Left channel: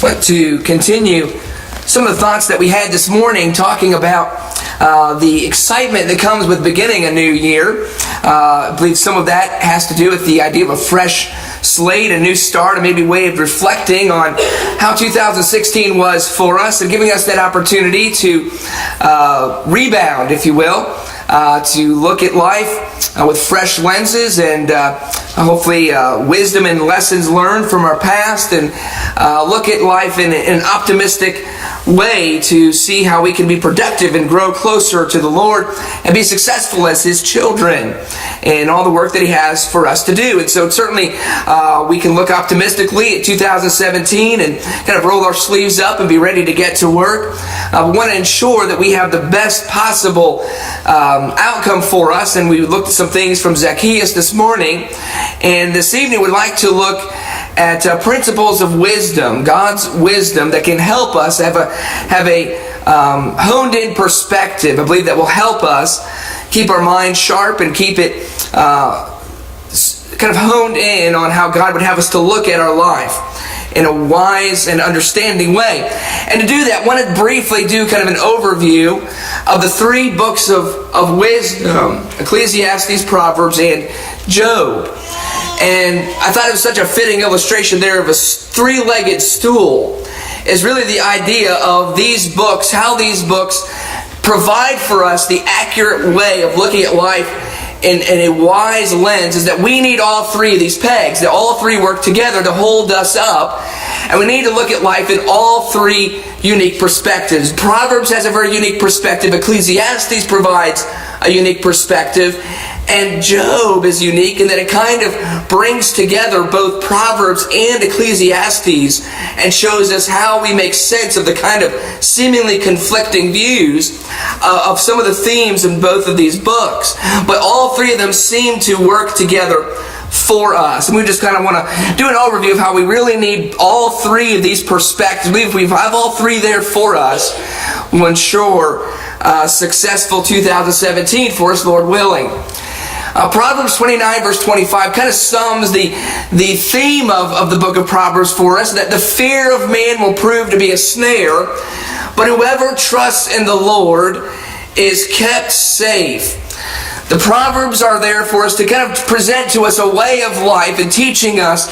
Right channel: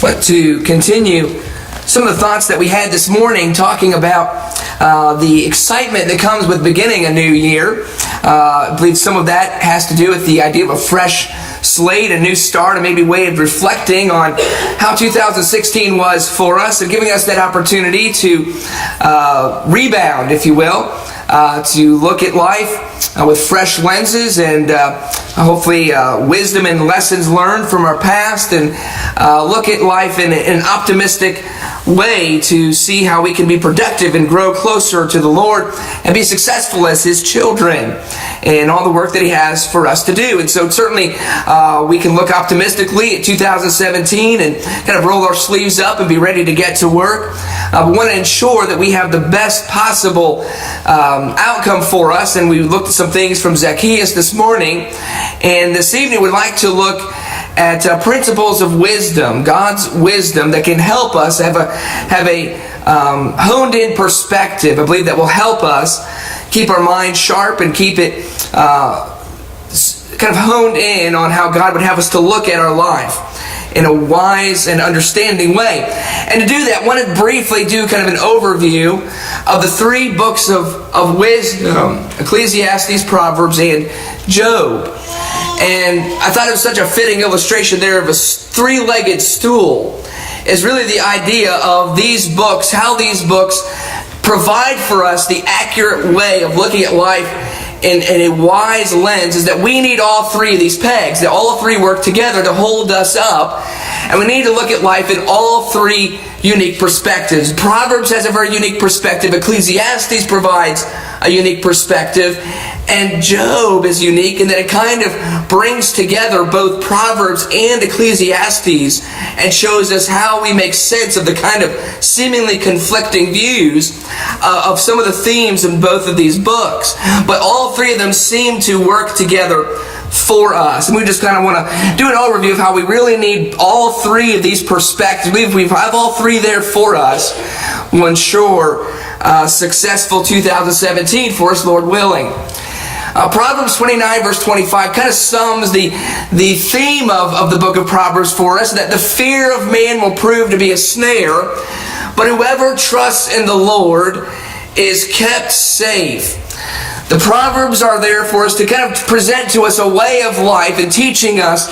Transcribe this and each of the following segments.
But to continue some of the thoughts that we had this morning, talking about the excitement that comes with beginning a new year. I believe some of that has to do with the idea of a fresh slate, a new start, and maybe a way of reflecting on how 2016 was for us and giving us that opportunity to rebound, if you will, to look at life with fresh lenses and hopefully wisdom and lessons learned from our past, and look at life in an optimistic way to see how we can be productive and grow closer to the Lord and be successful as His children in all the work that He has for us to do. And so certainly we can look optimistically at 2017 and kind of roll our sleeves up and be ready to get to work. We want to ensure that we have the best possible outcome for us, and we looked at some things from Zacchaeus this morning, and this evening we'd like to look at principles of wisdom, God's wisdom that can help us have a honed-in perspective. I believe that will help us keep our mind sharp and keep it kind of honed in on how God would have us to look at our life in a wise and understanding way. And to do that, I want to briefly do kind of an overview of the three books of wisdom: Ecclesiastes, Proverbs, and Job. And I thought it was such a fitting illustration there of a three-legged stool. Is really the idea of these books, how these books provide for us the accurate way of looking at life in a wise lens, is that we need all three of these pegs, that all three work together to hold us up, and we need to look at life in all three unique perspectives. Proverbs has a very unique perspective, Ecclesiastes provides a unique perspective, and Job is unique in that it kind of brings together both Proverbs and Ecclesiastes and shows us how we make sense of the kind of seemingly conflicting views of some of the themes in both of these books. But all three of them seem to work together for us. And we just kind of want to do an overview of how we really need all three of these perspectives. We have all three there for us. We'll ensure successful 2017 for us, Lord willing. Proverbs 29 verse 25 kind of sums the theme of the book of Proverbs for us, that the fear of man will prove to be a snare, but whoever trusts in the Lord is kept safe. The Proverbs are there for us to kind of present to us a way of life and teaching us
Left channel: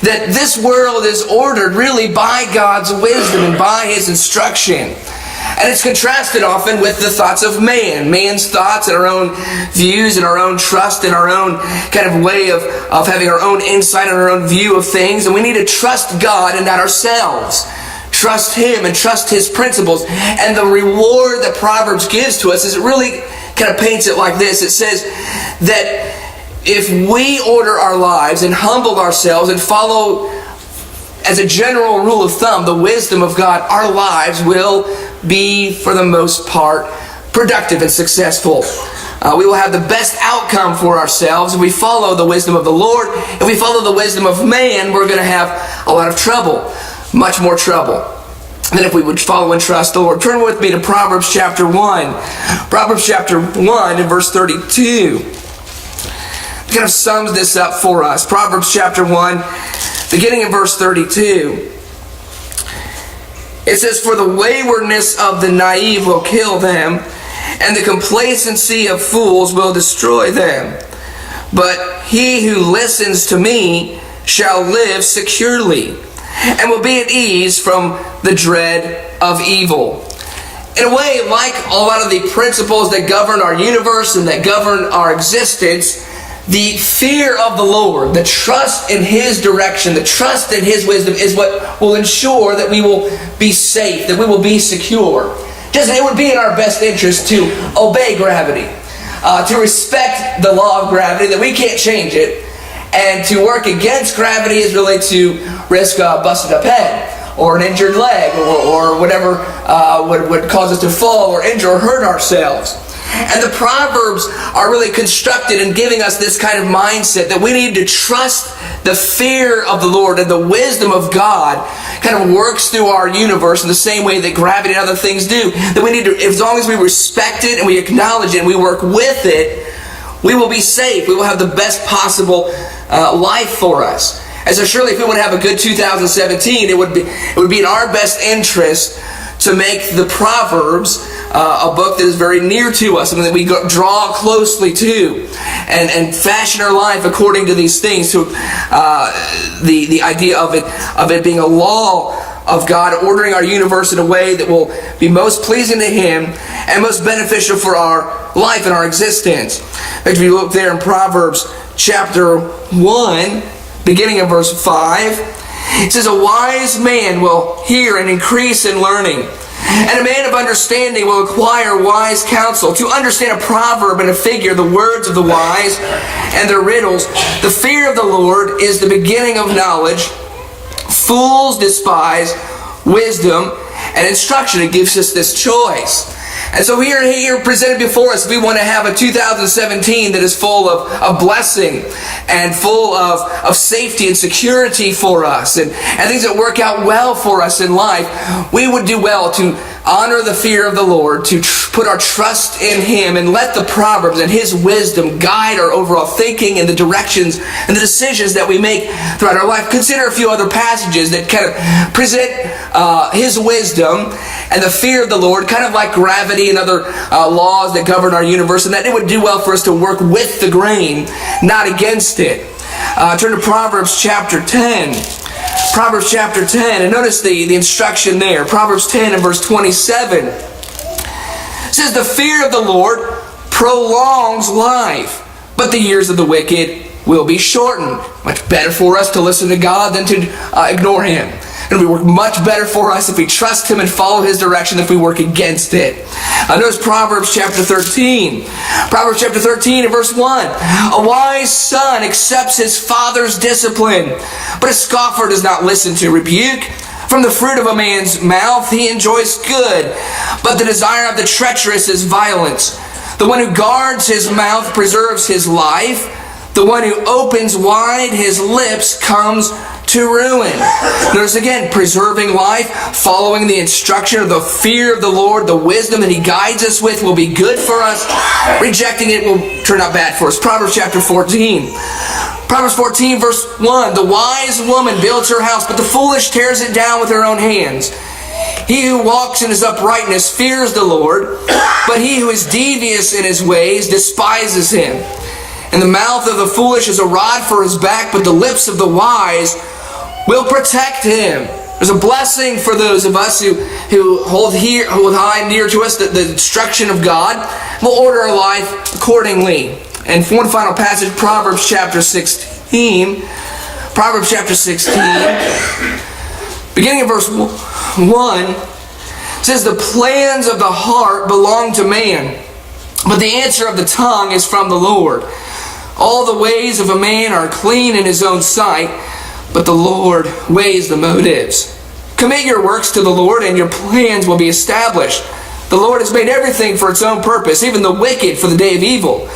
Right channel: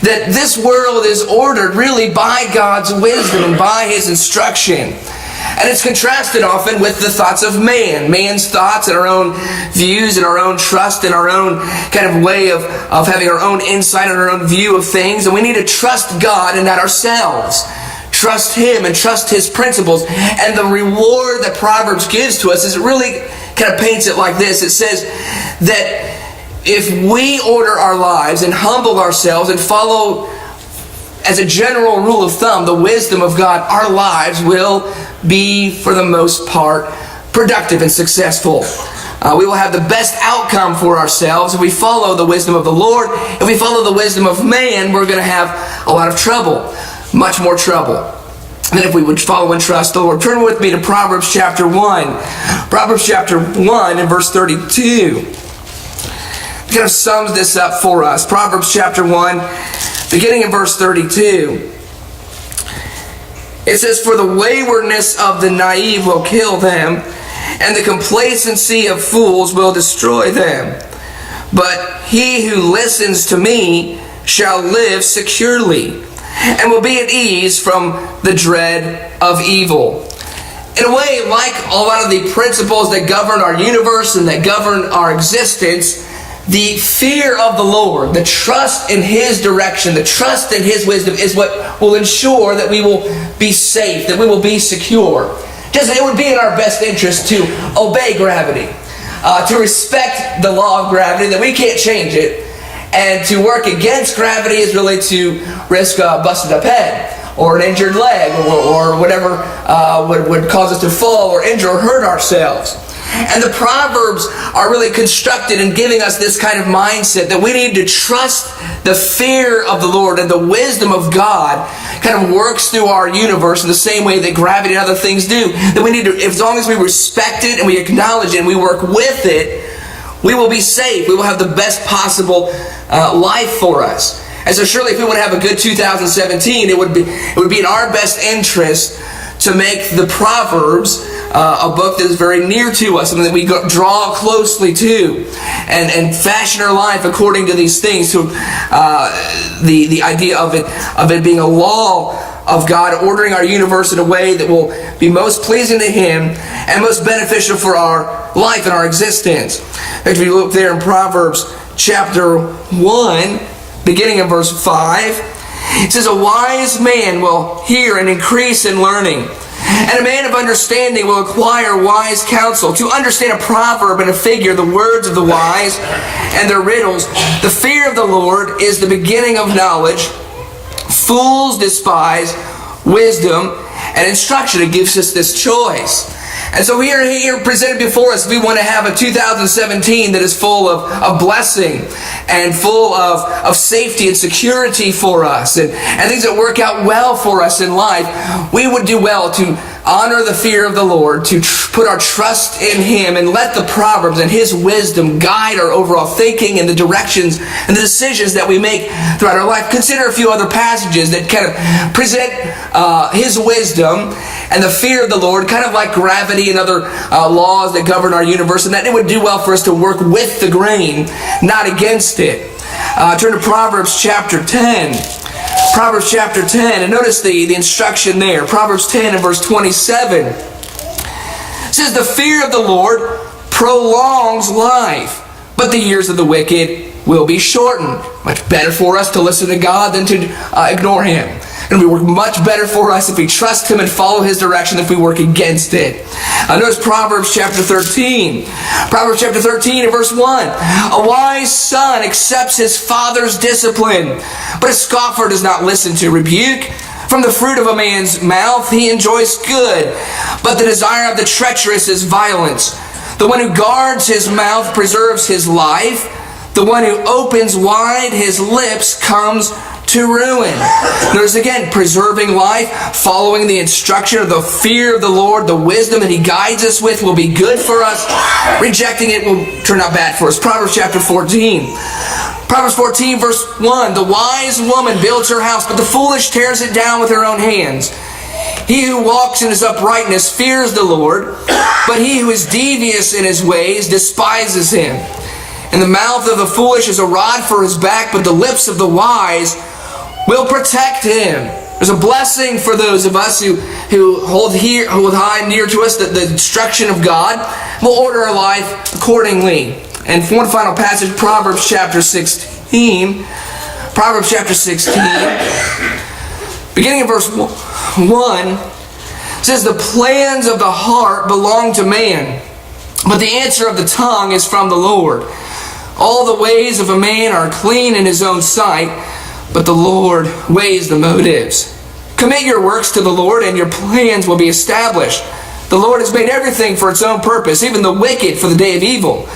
that this world is ordered really by God's wisdom and by His instruction. And it's contrasted often with the thoughts of man. Man's thoughts and our own views and our own trust and our own kind of way of having our own insight and our own view of things. And we need to trust God and not ourselves. Trust Him and trust His principles. And the reward that Proverbs gives to us is, it really kind of paints it like this. It says that if we order our lives and humble ourselves and follow, as a general rule of thumb, the wisdom of God, our lives will be, for the most part, productive and successful. We will have the best outcome for ourselves if we follow the wisdom of the Lord. If we follow the wisdom of man, we're going to have a lot of trouble, much more trouble than if we would follow and trust the Lord. Turn with me to Proverbs chapter 1. Proverbs chapter 1 and verse 32. It kind of sums this up for us. Proverbs chapter 1, beginning in verse 32. It says, "For the waywardness of the naive will kill them, and the complacency of fools will destroy them. But he who listens to me shall live securely, and will be at ease from the dread of evil." In a way, like a lot of the principles that govern our universe and that govern our existence, the fear of the Lord, the trust in His direction, the trust in His wisdom is what will ensure that we will be safe, that we will be secure. Just it would be in our best interest to obey gravity, to respect the law of gravity, that we can't change it, and to work against gravity is really to risk a busted up head or an injured leg or whatever would cause us to fall or injure or hurt ourselves. And the Proverbs are really constructed in giving us this kind of mindset that we need to trust the fear of the Lord, and the wisdom of God kind of works through our universe in the same way that gravity and other things do. That we need to, as long as we respect it and we acknowledge it and we work with it, we will be safe. We will have the best possible life for us. And so surely if we want to have a good 2017, it would be in our best interest to make the Proverbs a book that is very near to us, something that we draw closely to, and fashion our life according to these things. To the idea of it being a law of God, ordering our universe in a way that will be most pleasing to Him and most beneficial for our life and our existence. If you look there in Proverbs chapter 1, beginning in verse 5, it says, "A wise man will hear and increase in learning, and a man of understanding will acquire wise counsel. To understand a proverb and a figure, the words of the wise and their riddles. The fear of the Lord is the beginning of knowledge. Fools despise wisdom and instruction." It gives us this choice. And so here presented before us, we want to have a 2017 that is full of blessing and full of safety and security for us, and things that work out well for us in life. We would do well to honor the fear of the Lord, to put our trust in Him, and let the Proverbs and His wisdom guide our overall thinking and the directions and the decisions that we make throughout our life. Consider a few other passages that kind of present His wisdom and the fear of the Lord, kind of like gravity and other laws that govern our universe, and that it would do well for us to work with the grain, not against it. Turn to Proverbs chapter 10. Proverbs chapter 10, and notice the instruction there. Proverbs 10 and verse 27. It says, "The fear of the Lord prolongs life, but the years of the wicked will be shortened." Much better for us to listen to God than to ignore Him. It will work much better for us if we trust Him and follow His direction than if we work against it. Notice Proverbs chapter 13. Proverbs chapter 13 and verse 1. "A wise son accepts his father's discipline, but a scoffer does not listen to rebuke. From the fruit of a man's mouth he enjoys good, but the desire of the treacherous is violence. The one who guards his mouth preserves his life. The one who opens wide his lips comes to ruin." Notice again, preserving life, following the instruction of the fear of the Lord, the wisdom that He guides us with will be good for us. Rejecting it will turn out bad for us. Proverbs chapter 14. Proverbs 14 verse 1. "The wise woman builds her house, but the foolish tears it down with her own hands. He who walks in his uprightness fears the Lord, but he who is devious in his ways despises Him. And the mouth of the foolish is a rod for his back, but the lips of the wise will protect him." There's a blessing for those of us who hold high and near to us the instruction of God. We'll order our life accordingly. And one final passage, Proverbs chapter 16. Proverbs chapter 16, beginning in verse 1, says, "The plans of the heart belong to man, but the answer of the tongue is from the Lord. All the ways of a man are clean in his own sight, but the Lord weighs the motives. Commit your works to the Lord, and your plans will be established. The Lord has made everything for its own purpose, even the wicked for the day of evil."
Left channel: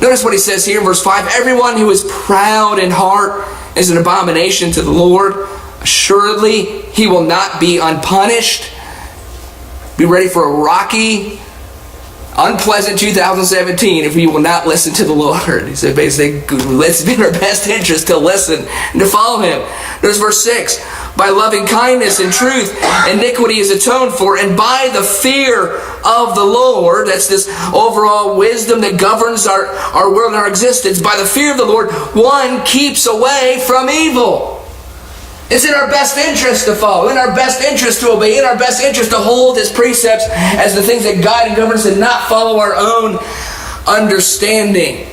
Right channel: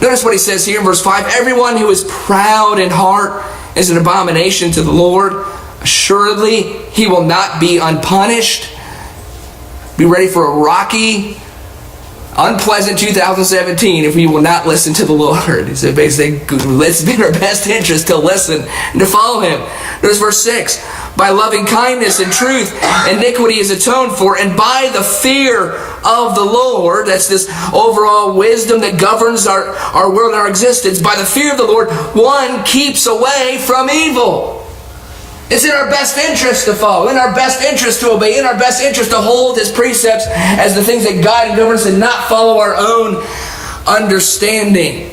Notice what he says here in verse 5. "Everyone who is proud in heart is an abomination to the Lord. Assuredly, he will not be unpunished." Be ready for a rocky, unpleasant 2017 if we will not listen to the Lord. He said basically, it's in our best interest to listen and to follow Him. Notice verse 6. "By loving kindness and truth, iniquity is atoned for, and by the fear of the Lord," that's this overall wisdom that governs our world and our existence, "by the fear of the Lord, one keeps away from evil." It's in our best interest to follow, in our best interest to obey, in our best interest to hold His precepts as the things that guide and govern us, and not follow our own understanding.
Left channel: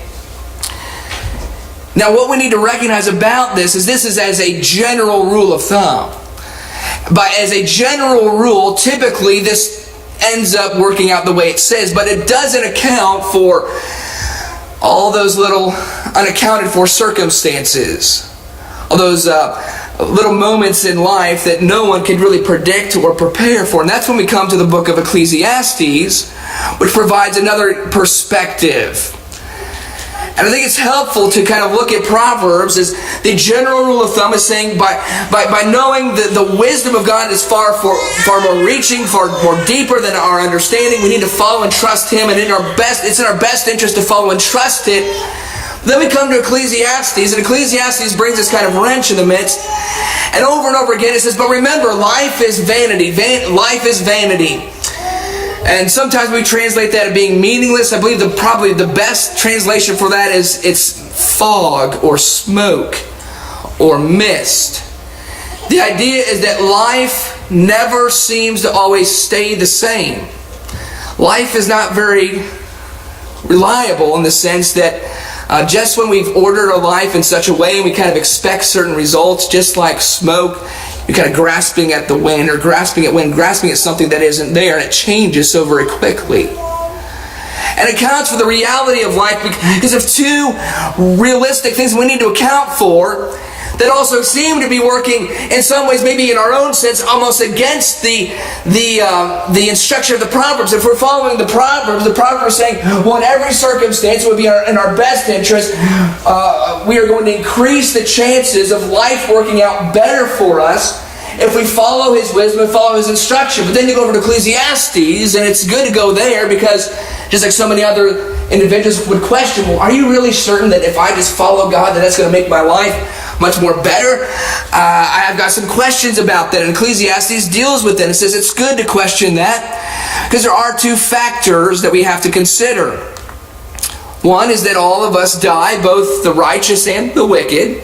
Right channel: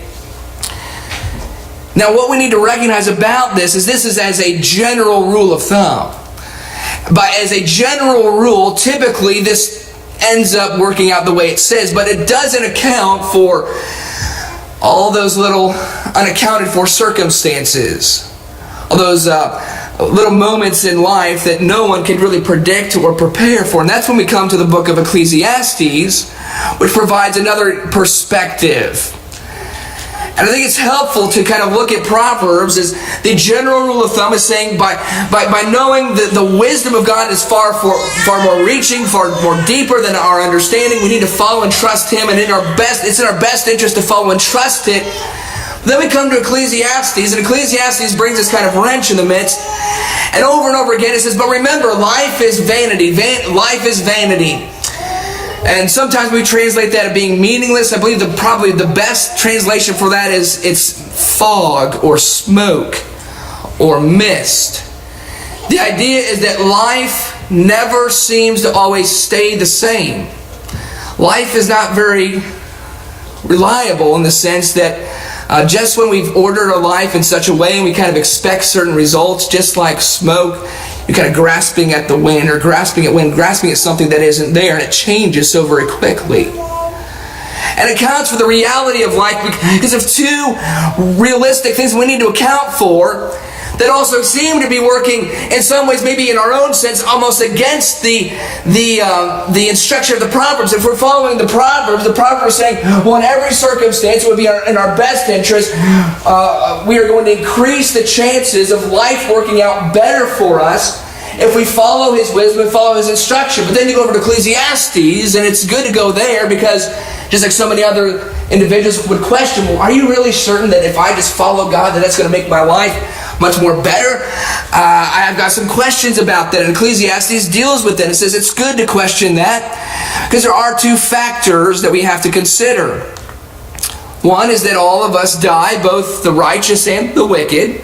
Now, what we need to recognize about this is as a general rule of thumb. But as a general rule, typically this ends up working out the way it says, but it doesn't account for all those little unaccounted for circumstances, all those little moments in life that no one could really predict or prepare for. And that's when we come to the book of Ecclesiastes, which provides another perspective. And I think it's helpful to kind of look at Proverbs as the general rule of thumb is saying by knowing that the wisdom of God is far more reaching, far more deeper than our understanding, we need to follow and trust Him, and it's in our best interest to follow and trust it. Then we come to Ecclesiastes, and Ecclesiastes brings this kind of wrench in the midst. And over again it says, but remember, life is vanity. Life is vanity. And sometimes we translate that as being meaningless. I believe probably the best translation for that is it's fog or smoke or mist. The idea is that life never seems to always stay the same. Life is not very reliable in the sense that just when we've ordered our life in such a way and we kind of expect certain results, just like smoke, you're kind of grasping at the wind or grasping at something that isn't there, and it changes so very quickly. And it accounts for the reality of life because of two realistic things we need to account for that also seem to be working in some ways, maybe in our own sense, almost against the instruction of the Proverbs. If we're following the Proverbs are saying, well, in every circumstance, it would be in our best interest. We are going to increase the chances of life working out better for us if we follow His wisdom and follow His instruction. But then you go over to Ecclesiastes, and it's good to go there because just like so many other individuals would question, well, are you really certain that if I just follow God, that's going to make my life much more better? I've got some questions about that, and Ecclesiastes deals with that. It says it's good to question that because there are two factors that we have to consider. One is that all of us die, both the righteous and the wicked.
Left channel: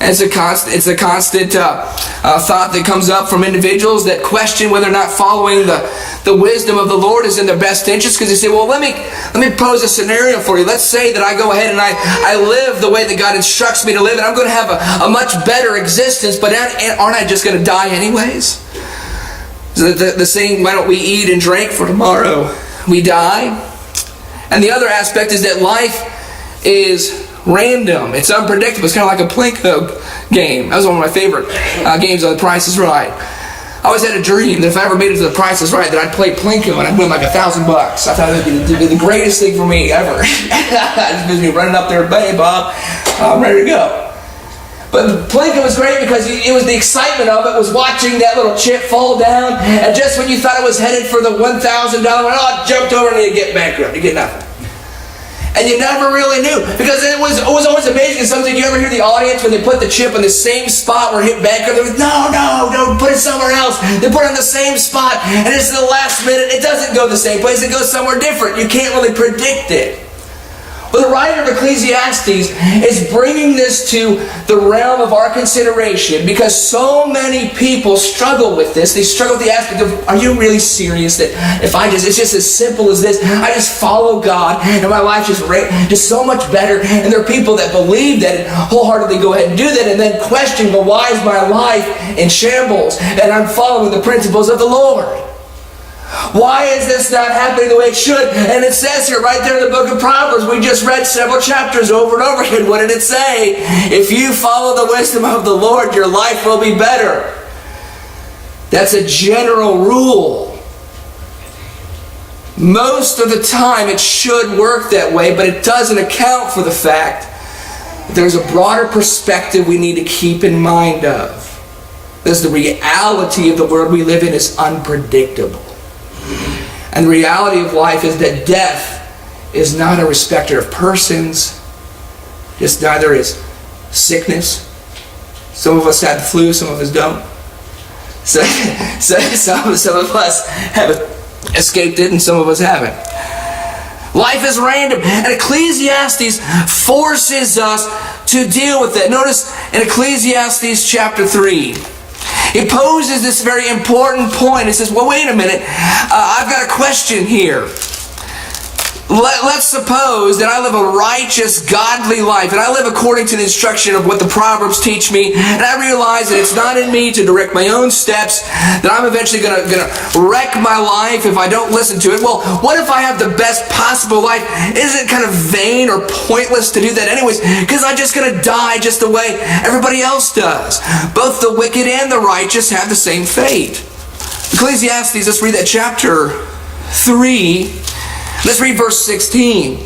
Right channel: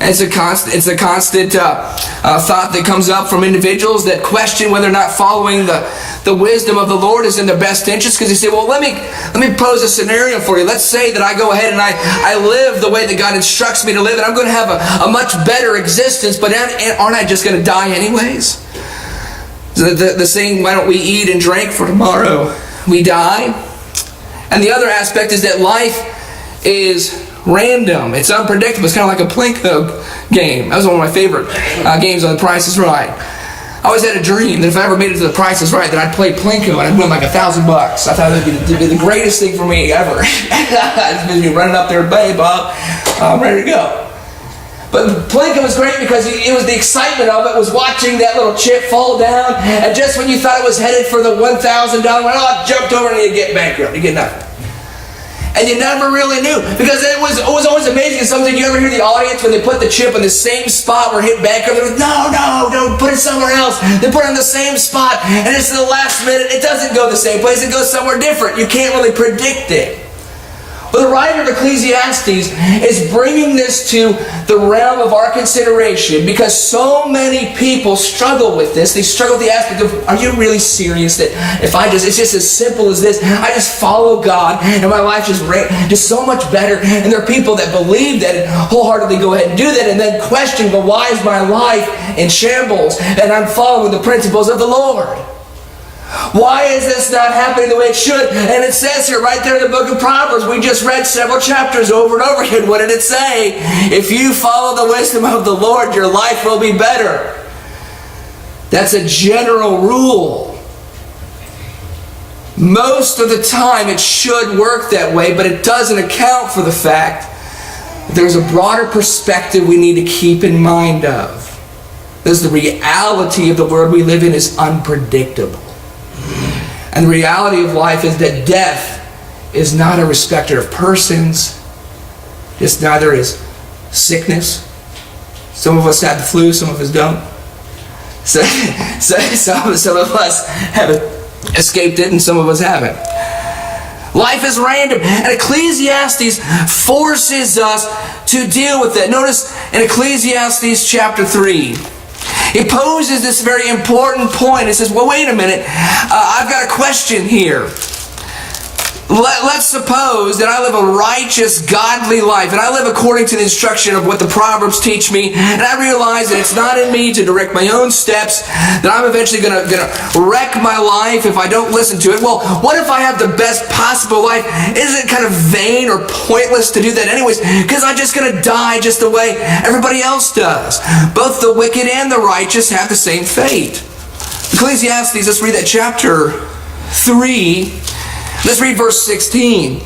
And it's a constant thought that comes up from individuals that question whether or not following the wisdom of the Lord is in their best interest, because they say, well, let me pose a scenario for you. Let's say that I go ahead and I live the way that God instructs me to live, and I'm going to have a much better existence, but aren't I just going to die anyways? The saying, why don't we eat and drink, for tomorrow we die? And the other aspect is that life is random. It's unpredictable. It's kind of like a Plinko game. That was one of my favorite games on The Price is Right. I always had a dream that if I ever made it to The Price is Right, that I'd play Plinko and I'd win like $1,000. I thought it would be the greatest thing for me ever. Just me running up there, hey Bob, I'm ready to go. But Plinko was great because it was the excitement of it, was watching that little chip fall down, and just when you thought it was headed for the $1,000, it jumped over and you get bankrupt. You get nothing. And you never really knew, because it was always amazing. Something, you ever hear the audience when they put the chip in the same spot where it hit bankrupt? They're like, no, put it somewhere else. They put it in the same spot, and it's the last minute. It doesn't go the same place. It goes somewhere different. You can't really predict it. But the writer of Ecclesiastes is bringing this to the realm of our consideration because so many people struggle with this. They struggle with the aspect of, are you really serious that if it's just as simple as this, I just follow God and my life just so much better? And there are people that believe that and wholeheartedly go ahead and do that and then question, but why is my life in shambles and I'm following the principles of the Lord? Why is this not happening the way it should? And it says here right there in the book of Proverbs, we just read several chapters over and over again. What did it say? If you follow the wisdom of the Lord, your life will be better. That's a general rule. Most of the time it should work that way, but it doesn't account for the fact that there's a broader perspective we need to keep in mind of. Because the reality of the world we live in is unpredictable. And the reality of life is that death is not a respecter of persons. Just neither is sickness. Some of us have the flu, some of us don't. So some of us have escaped it and some of us haven't. Life is random. And Ecclesiastes forces us to deal with it. Notice in Ecclesiastes chapter 3. He poses this very important point. He says, well, wait a minute. I've got a question here. Let's suppose that I live a righteous, godly life, and I live according to the instruction of what the Proverbs teach me, and I realize that it's not in me to direct my own steps, that I'm eventually going to wreck my life if I don't listen to it. Well, what if I have the best possible life? Isn't it kind of vain or pointless to do that anyways? Because I'm just going to die just the way everybody else does. Both the wicked and the righteous have the same fate. Ecclesiastes, let's read that chapter 3. Let's read verse 16.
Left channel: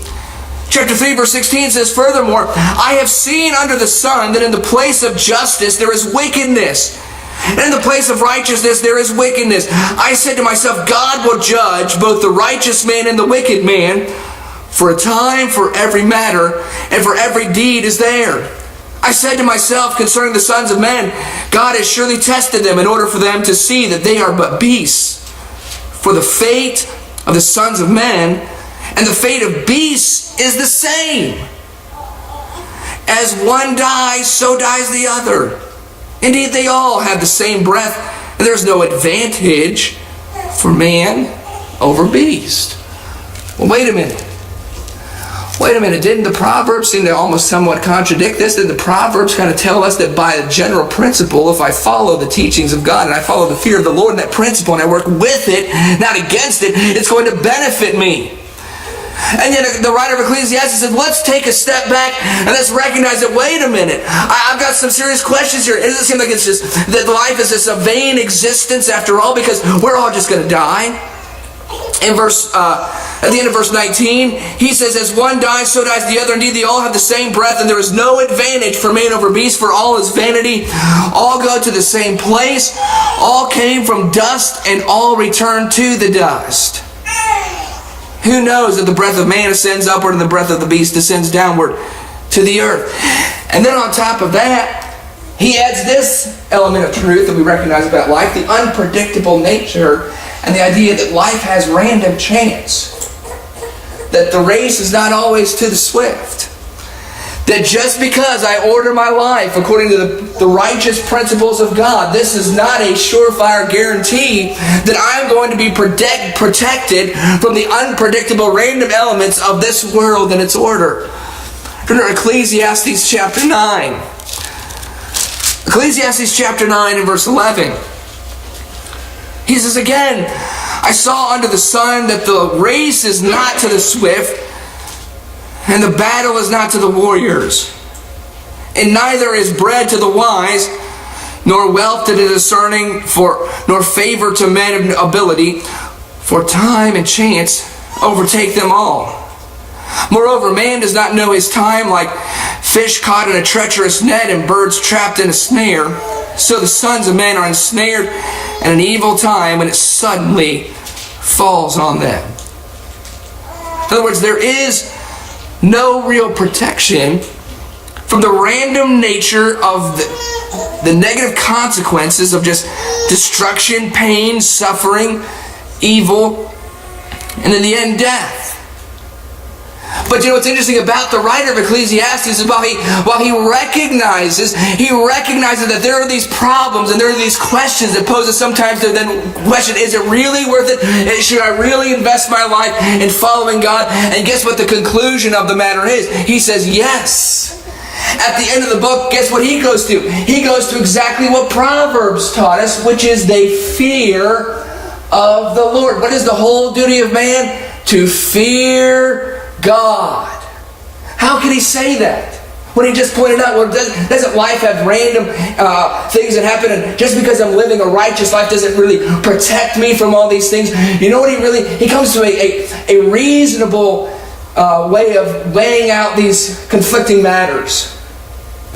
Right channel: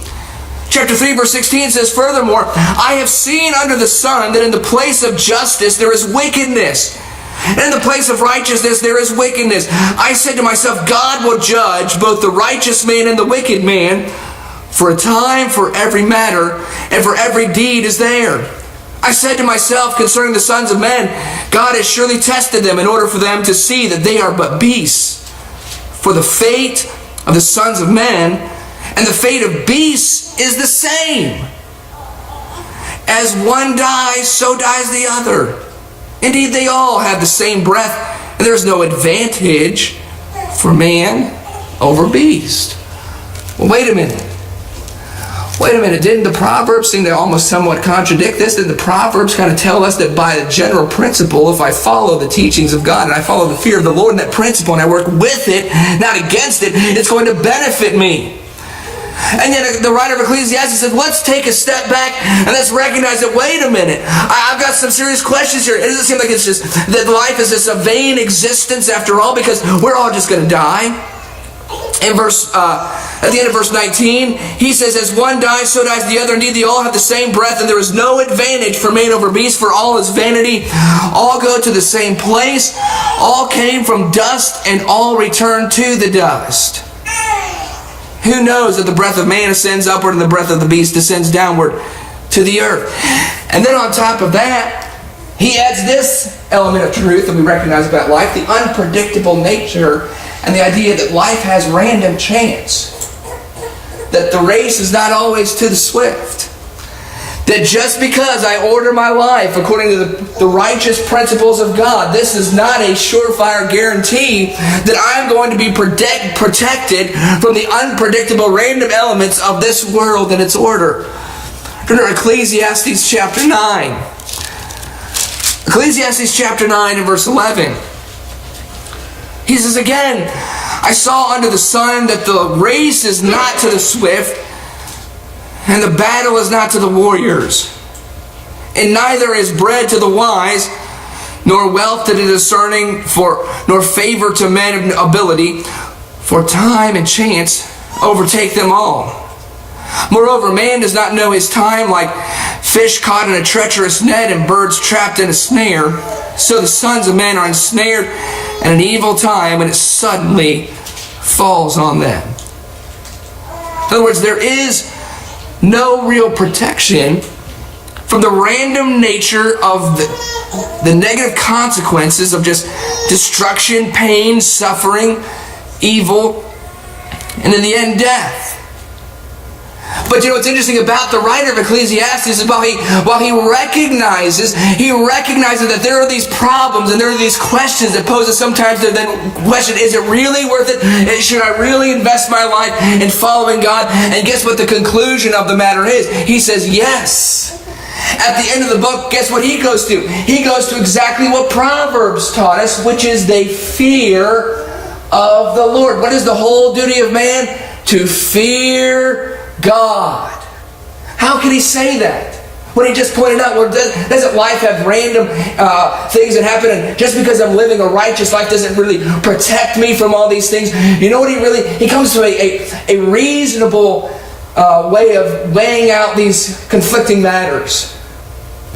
Chapter 3, verse 16 says, furthermore, I have seen under the sun that in the place of justice there is wickedness, and in the place of righteousness there is wickedness. I said to myself, God will judge both the righteous man and the wicked man, For a time for every matter, and for every deed is there. I said to myself concerning the sons of men, God has surely tested them in order for them to see that they are but beasts. For the fate of the sons of men and the fate of beasts is the same. As one dies, so dies the other. Indeed, they all have the same breath, and there is no advantage for man over beast. Well, wait a minute. Didn't the Proverbs seem to almost somewhat contradict this? Did the Proverbs kind of tell us that by a general principle, if I follow the teachings of God and I follow the fear of the Lord and that principle and I work with it, not against it, it's going to benefit me? And then the writer of Ecclesiastes said, let's take a step back and let's recognize that, wait a minute, I've got some serious questions here. It doesn't seem like it's just that life is just a vain existence after all, because we're all just going to die. At the end of verse 19, he says, as one dies, so dies the other. Indeed, they all have the same breath, and there is no advantage for man over beast, for all is vanity. All go to the same place. All came from dust, and all return to the dust. Who knows that the breath of man ascends upward and the breath of the beast descends downward to the earth? And then on top of that, he adds this element of truth that we recognize about life, the unpredictable nature and the idea that life has random chance. That the race is not always to the swift. That just because I order my life according to the righteous principles of God, this is not a surefire guarantee that I'm going to be protected from the unpredictable random elements of this world and its order. Turn to Ecclesiastes chapter 9. Ecclesiastes chapter 9 and verse 11. He says again, I saw under the sun that the race is not to the swift, and the battle is not to the warriors. And neither is bread to the wise, nor wealth to the discerning, nor favor to men of ability, for time and chance overtake them all. Moreover, man does not know his time, like fish caught in a treacherous net and birds trapped in a snare. So the sons of men are ensnared in an evil time when it suddenly falls on them. In other words, there is no real protection from the random nature of the negative consequences of just destruction, pain, suffering, evil, and in the end, death. But you know what's interesting about the writer of Ecclesiastes is while he recognizes that there are these problems and there are these questions that poses sometimes to then question, is it really worth it? Should I really invest my life in following God? And guess what the conclusion of the matter is? He says yes. At the end of the book, guess what he goes to? He goes to exactly what Proverbs taught us, which is they fear of the Lord. What is the whole duty of man? To fear God. How can he say that? When he just pointed out, well, doesn't life have random things that happen, and just because I'm living a righteous life doesn't really protect me from all these things? You know what he comes to a reasonable way of weighing out these conflicting matters.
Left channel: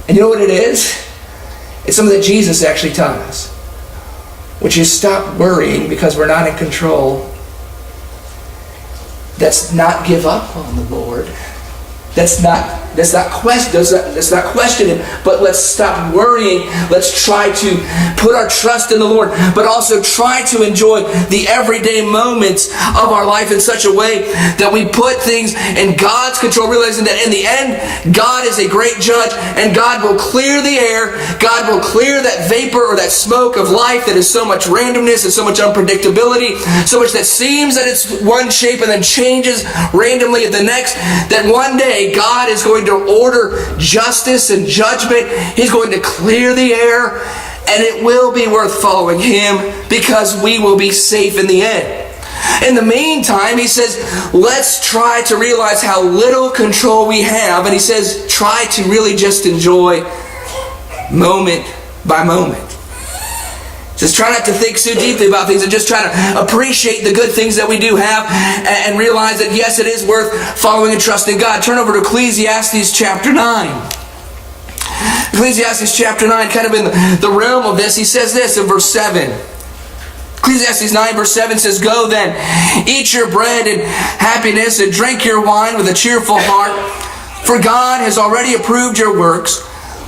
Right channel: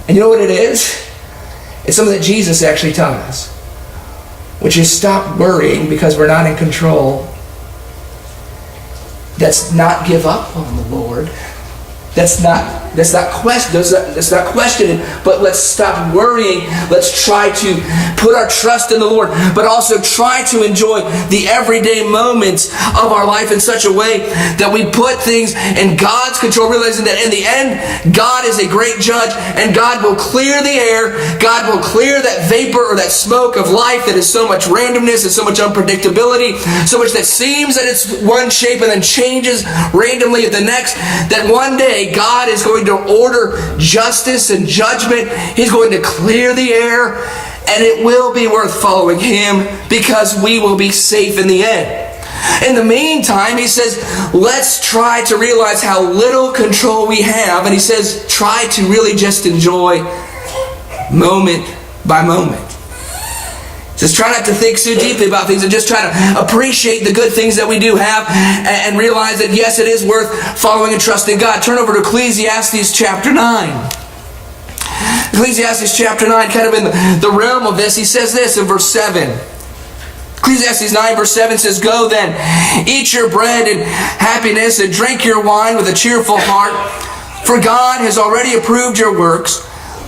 And you know what it is? It's something that Jesus actually taught us, which is stop worrying because we're not in control. Let's not give up on the Lord. Let's not question it, but let's stop worrying. Let's try to put our trust in the Lord, but also try to enjoy the everyday moments of our life in such a way that we put things in God's control, realizing that in the end, God is a great judge, and God will clear the air. God will clear that vapor or that smoke of life that is so much randomness and so much unpredictability, so much that seems that it's one shape and then changes randomly at the next, that one day God is going to order justice and judgment. He's going to clear the air, and it will be worth following Him because we will be safe in the end. In the meantime, he says, let's try to realize how little control we have, and he says, try to really just enjoy moment by moment. Just try not to think so deeply about things and just try to appreciate the good things that we do have and realize that, yes, it is worth following and trusting God. Turn over to Ecclesiastes chapter 9. Ecclesiastes chapter 9, kind of in the realm of this, he says this in verse 7. Ecclesiastes 9 verse 7 says, "Go then, eat your bread in happiness and drink your wine with a cheerful heart, for God has already approved your works.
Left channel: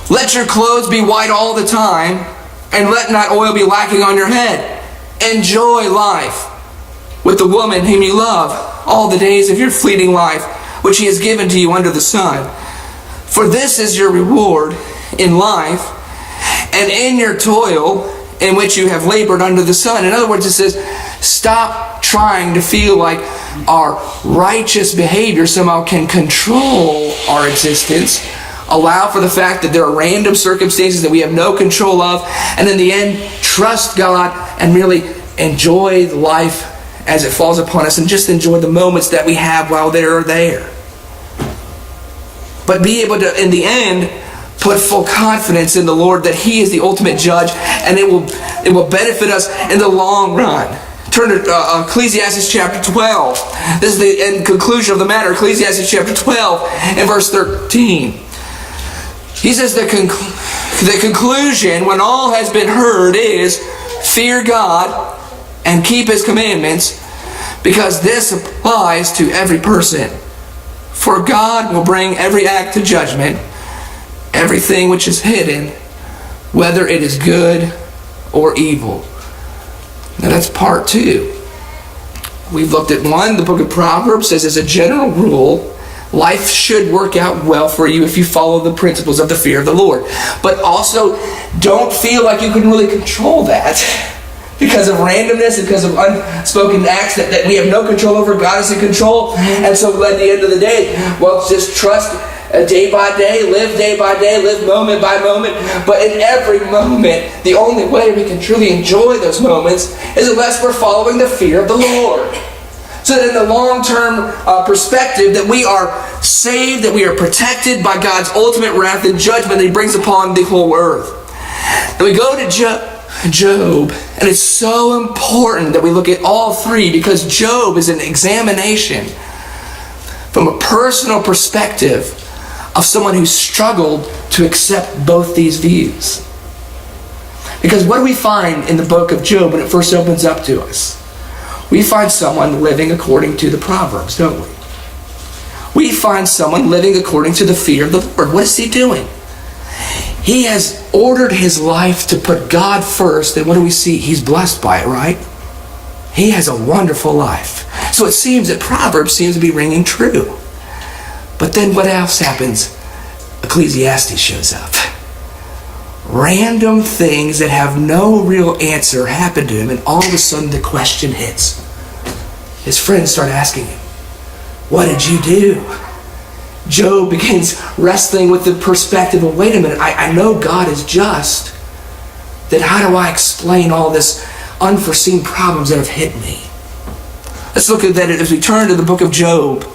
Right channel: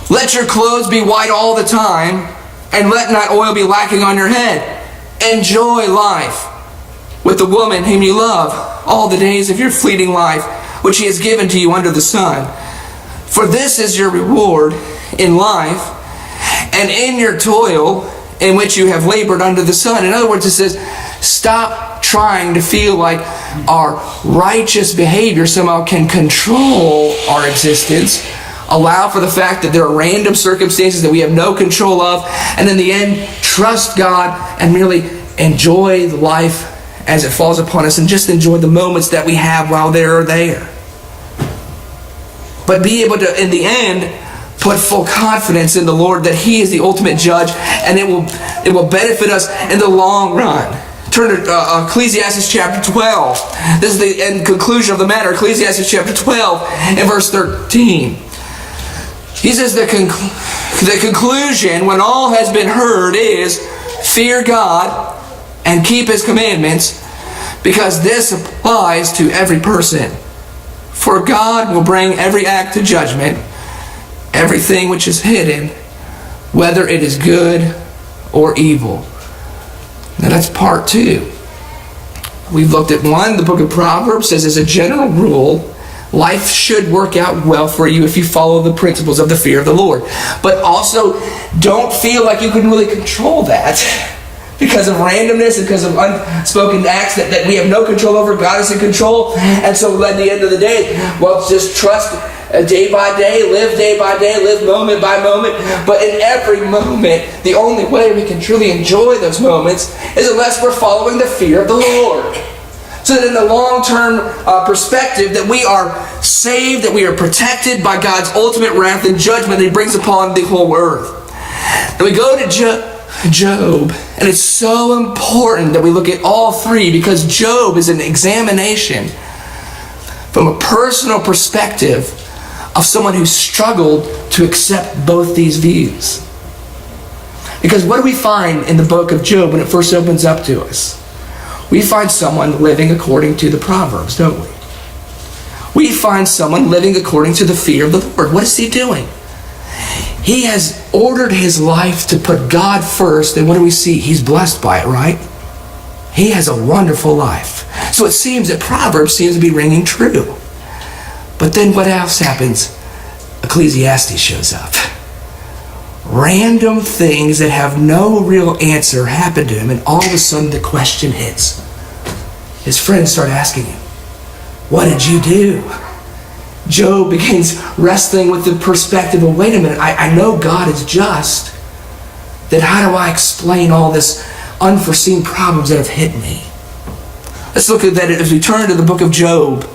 Let your clothes be white all the time, and let not oil be lacking on your head. Enjoy life with the woman whom you love all the days of your fleeting life, which He has given to you under the sun. For this is your reward in life, and in your toil in which you have labored under the sun." In other words, it says, stop trying to feel like our righteous behavior somehow can control our existence. Allow for the fact that there are random circumstances that we have no control of, and in the end, trust God and merely enjoy life as it falls upon us, and just enjoy the moments that we have while they're there. But be able to, in the end, put full confidence in the Lord that He is the ultimate judge, and it will benefit us in the long run. Turn to Ecclesiastes chapter 12. This is the end conclusion of the matter. Ecclesiastes chapter 12 and verse 13. He says the conclusion when all has been heard is, fear God and keep His commandments, because this applies to every person. For God will bring every act to judgment, everything which is hidden, whether it is good or evil. Now that's part 2. We've looked at 1. The book of Proverbs says, as a general rule, life should work out well for you if you follow the principles of the fear of the Lord. But also, don't feel like you can really control that because of randomness and because of unspoken acts that we have no control over. God is in control. And so at the end of the day, well, just trust day by day, live moment by moment. But in every moment, the only way we can truly enjoy those moments is unless we're following the fear of the Lord. So that in the long-term perspective, that we are saved, that we are protected by God's ultimate wrath and judgment that He brings upon the whole earth. And we go to Job, and it's so important that we look at all 3, because Job is an examination from a personal perspective of someone who struggled to accept both these views. Because what do we find in the book of Job when it first opens up to us? We find someone living according to the Proverbs, don't we? We find someone living according to the fear of the Lord. What is he doing? He has ordered his life to put God first, and what do we see? He's blessed by it, right? He has a wonderful life. So it seems that Proverbs seems to be ringing true. But then what else happens? Ecclesiastes shows up. Random things that have no real answer happen to him, and all of a sudden the question hits. His friends start asking him, what did you do? Job begins wrestling with the perspective of, wait a minute, I know God is just. Then how do I explain all this unforeseen problems that have hit me? Let's look at that as we turn to the book of Job.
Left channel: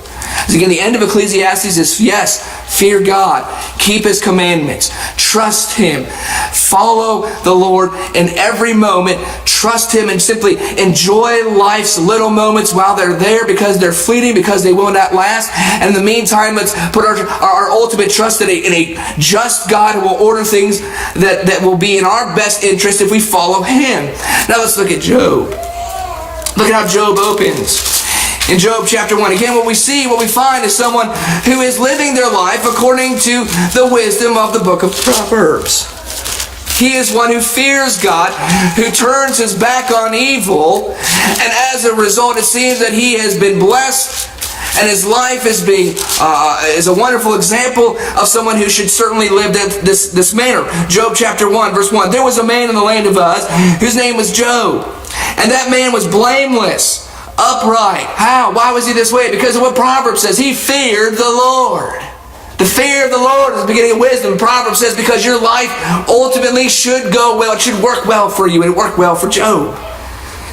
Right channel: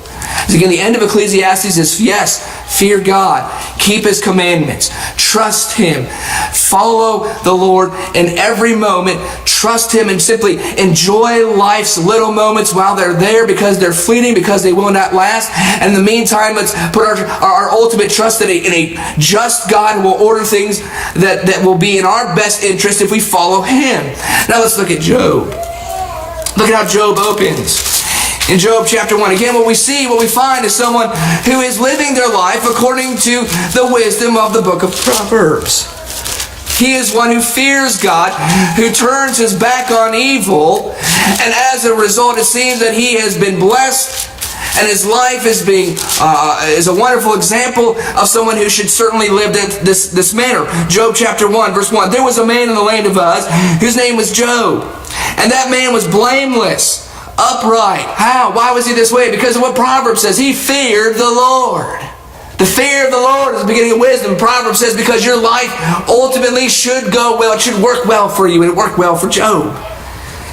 As again, the end of Ecclesiastes is, yes, fear God, keep His commandments, trust Him, follow the Lord in every moment, trust Him, and simply enjoy life's little moments while they're there, because they're fleeting, because they will not last. And in the meantime, let's put our ultimate trust in a just God who will order things that will be in our best interest if we follow Him. Now let's look at Job. Look at how Job opens. In Job chapter 1, again, what we find is someone who is living their life according to the wisdom of the book of Proverbs. He is one who fears God, who turns his back on evil, and as a result, it seems that he has been blessed, and his life is a wonderful example of someone who should certainly live this manner. Job chapter 1, verse 1, there was a man in the land of Uz whose name was Job, and that man was blameless, upright. How? Why was he this way? Because of what Proverbs says. He feared the Lord. The fear of the Lord is the beginning of wisdom. Proverbs says because your life ultimately should go well. It should work well for you. And it worked well for Job.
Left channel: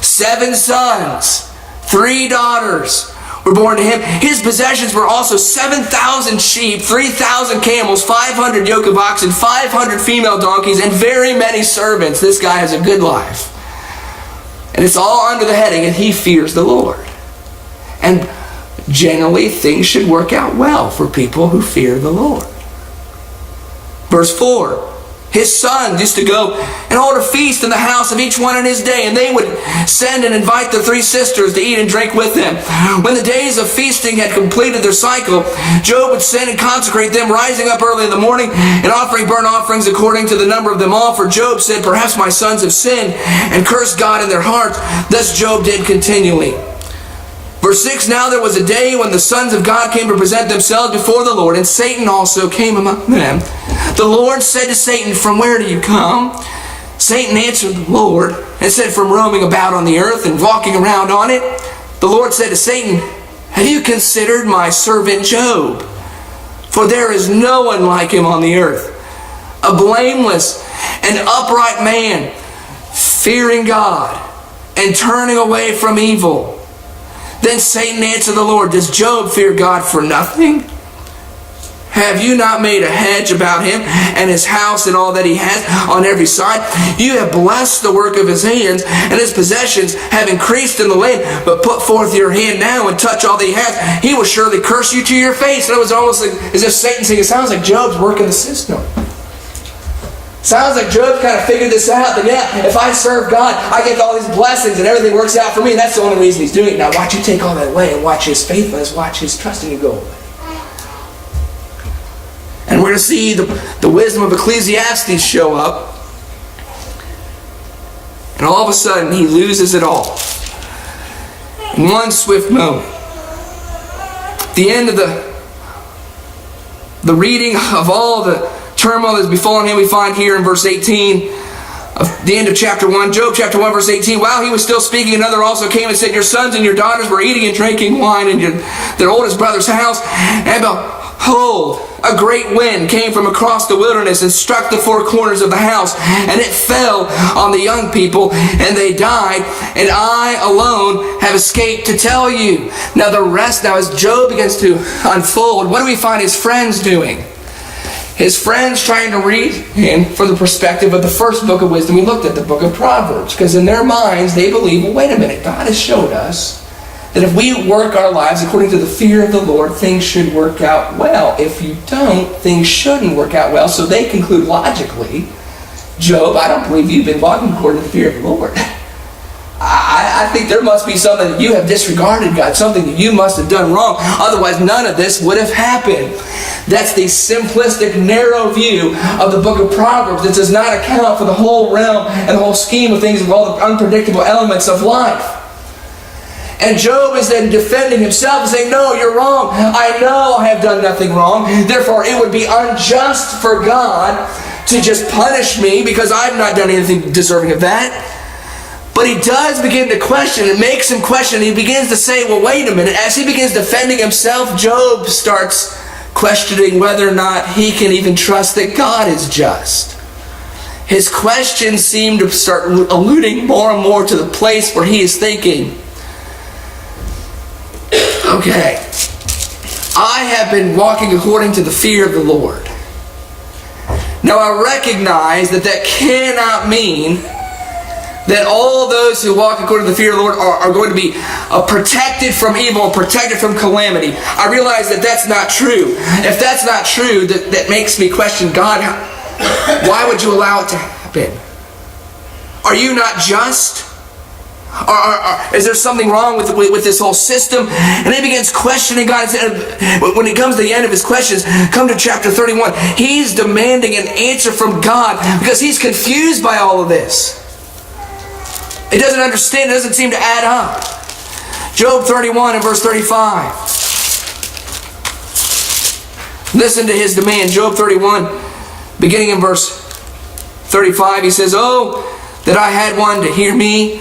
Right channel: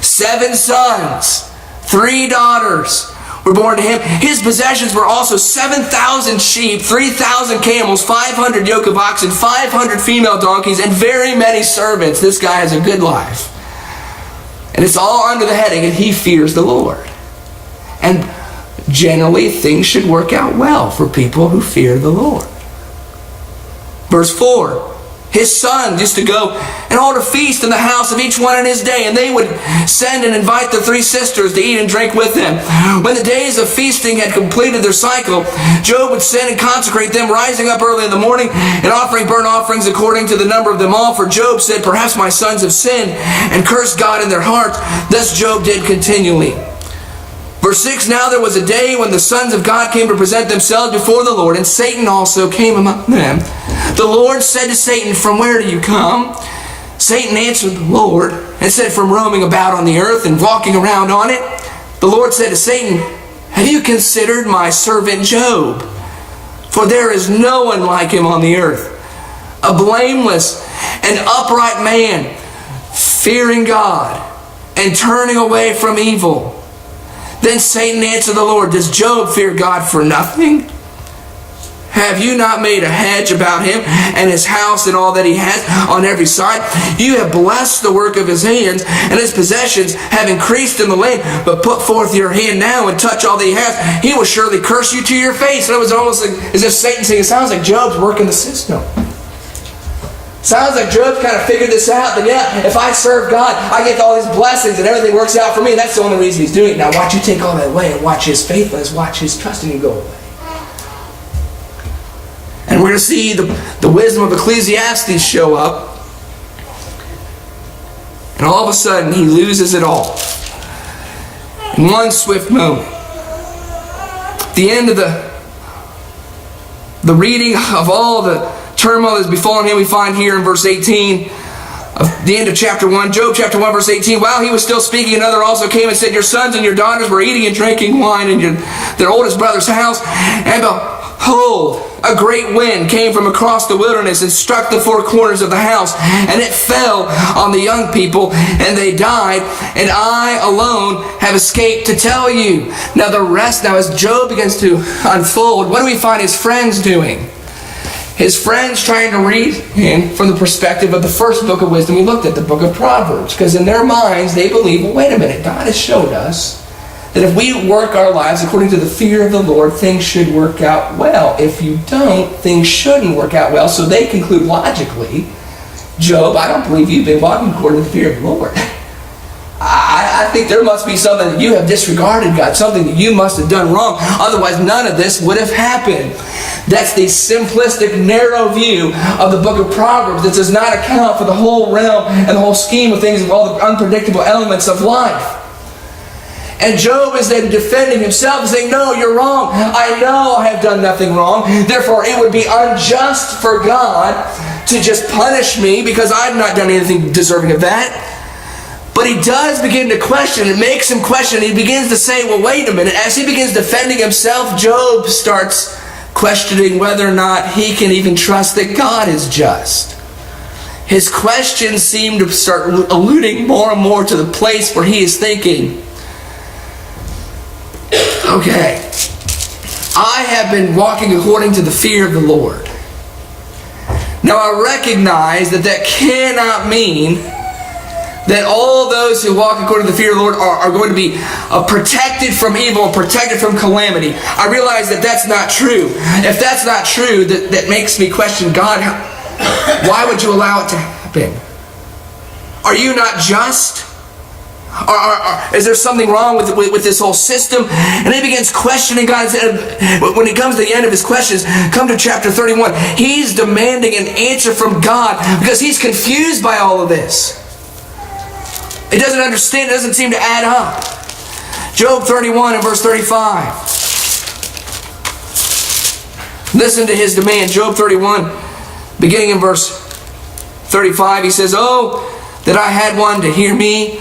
7 sons, 3 daughters were born to him. His possessions were also 7,000 sheep, 3,000 camels, 500 yoke of oxen, 500 female donkeys, and very many servants. This guy has a good life. And it's all under the heading, and he fears the Lord. And generally, things should work out well for people who fear the Lord. Verse 4, his sons used to go and hold a feast in the house of each one in his day, and they would send and invite their 3 sisters to eat and drink with them. When the days of feasting had completed their cycle, Job would send and consecrate them, rising up early in the morning and offering burnt offerings according to the number of them all. For Job said, perhaps my sons have sinned and cursed God in their hearts. Thus Job did continually. Verse 6, now there was a day when the sons of God came to present themselves before the Lord, and Satan also came among them. The Lord said to Satan, from where do you come? Satan answered the Lord and said, from roaming about on the earth and walking around on it. The Lord said to Satan, have you considered my servant Job? For there is no one like him on the earth, a blameless and upright man, fearing God and turning away from evil. Then Satan answered the Lord, does Job fear God for nothing? Have you not made a hedge about him and his house and all that he has on every side? You have blessed the work of his hands, and his possessions have increased in the land. But put forth your hand now and touch all that he has. He will surely curse you to your face. And it was almost like, as if Satan saying, it sounds like Job's working the system. Sounds like Job kind of figured this out, that yeah, if I serve God, I get all these blessings and everything works out for me. And that's the only reason he's doing it. Now watch you take all that away and watch his faithfulness, watch his trusting you go away. And we're going to see the wisdom of Ecclesiastes show up. And all of a sudden, he loses it all. In one swift moment. At the end of the reading of all the turmoil that has befallen him, we find here in verse 18, of the end of chapter 1, Job chapter 1, verse 18, while he was still speaking, another also came and said, your sons and your daughters were eating and drinking wine in their oldest brother's house, and behold, a great wind came from across the wilderness and struck the 4 corners of the house, and it fell on the young people, and they died, and I alone have escaped to tell you. Now the rest, as Job begins to unfold, what do we find his friends doing? His friends trying to read him from the perspective of the first book of wisdom. We looked at the book of Proverbs, because in their minds they believe, well, wait a minute, God has showed us that if we work our lives according to the fear of the Lord, things should work out well. If you don't, things shouldn't work out well. So they conclude logically, Job, I don't believe you've been walking according to the fear of the Lord. I think there must be something that you have disregarded, God, something that you must have done wrong. Otherwise, none of this would have happened. That's the simplistic, narrow view of the book of Proverbs that does not account for the whole realm and the whole scheme of things, of all the unpredictable elements of life. And Job is then defending himself and saying, no, you're wrong. I know I have done nothing wrong. Therefore, it would be unjust for God to just punish me because I've not done anything deserving of that. But he does begin to question. It makes him question. He begins to say, well, wait a minute. As he begins defending himself, Job starts questioning whether or not he can even trust that God is just. His questions seem to start alluding more and more to the place where he is thinking, okay, I have been walking according to the fear of the Lord. Now I recognize that cannot mean that all those who walk according to the fear of the Lord are going to be protected from evil and protected from calamity. I realize that that's not true. If that's not true, that makes me question, God, why would you allow it to happen? Are you not just? Is there something wrong with this whole system? And he begins questioning God. When he comes to the end of his questions, come to chapter 31, he's demanding an answer from God because he's confused by all of this. It doesn't understand. It doesn't seem to add up. Job 31 and verse 35. Listen to his demand. Job 31, beginning in verse 35, he says, oh, that I had one to hear me.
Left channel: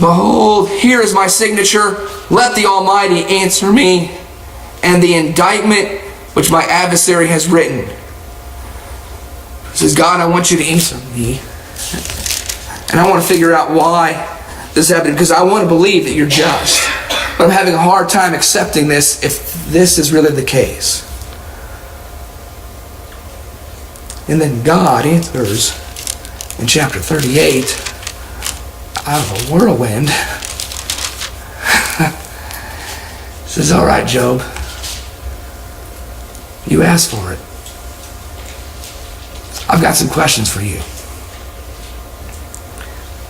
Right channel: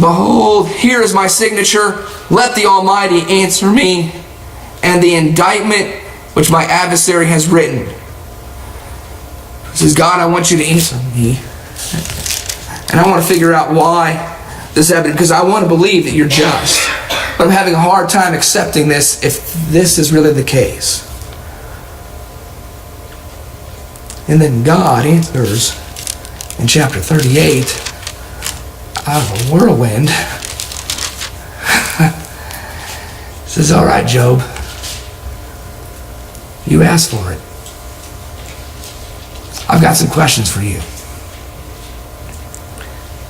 Behold, here is my signature. Let the Almighty answer me, and the indictment which my adversary has written. He says, God, I want you to answer me. And I want to figure out why this happened, because I want to believe that you're just. But I'm having a hard time accepting this if this is really the case. And then God answers in chapter 38 out of a whirlwind. Says, all right, Job, you asked for it. I've got some questions for you.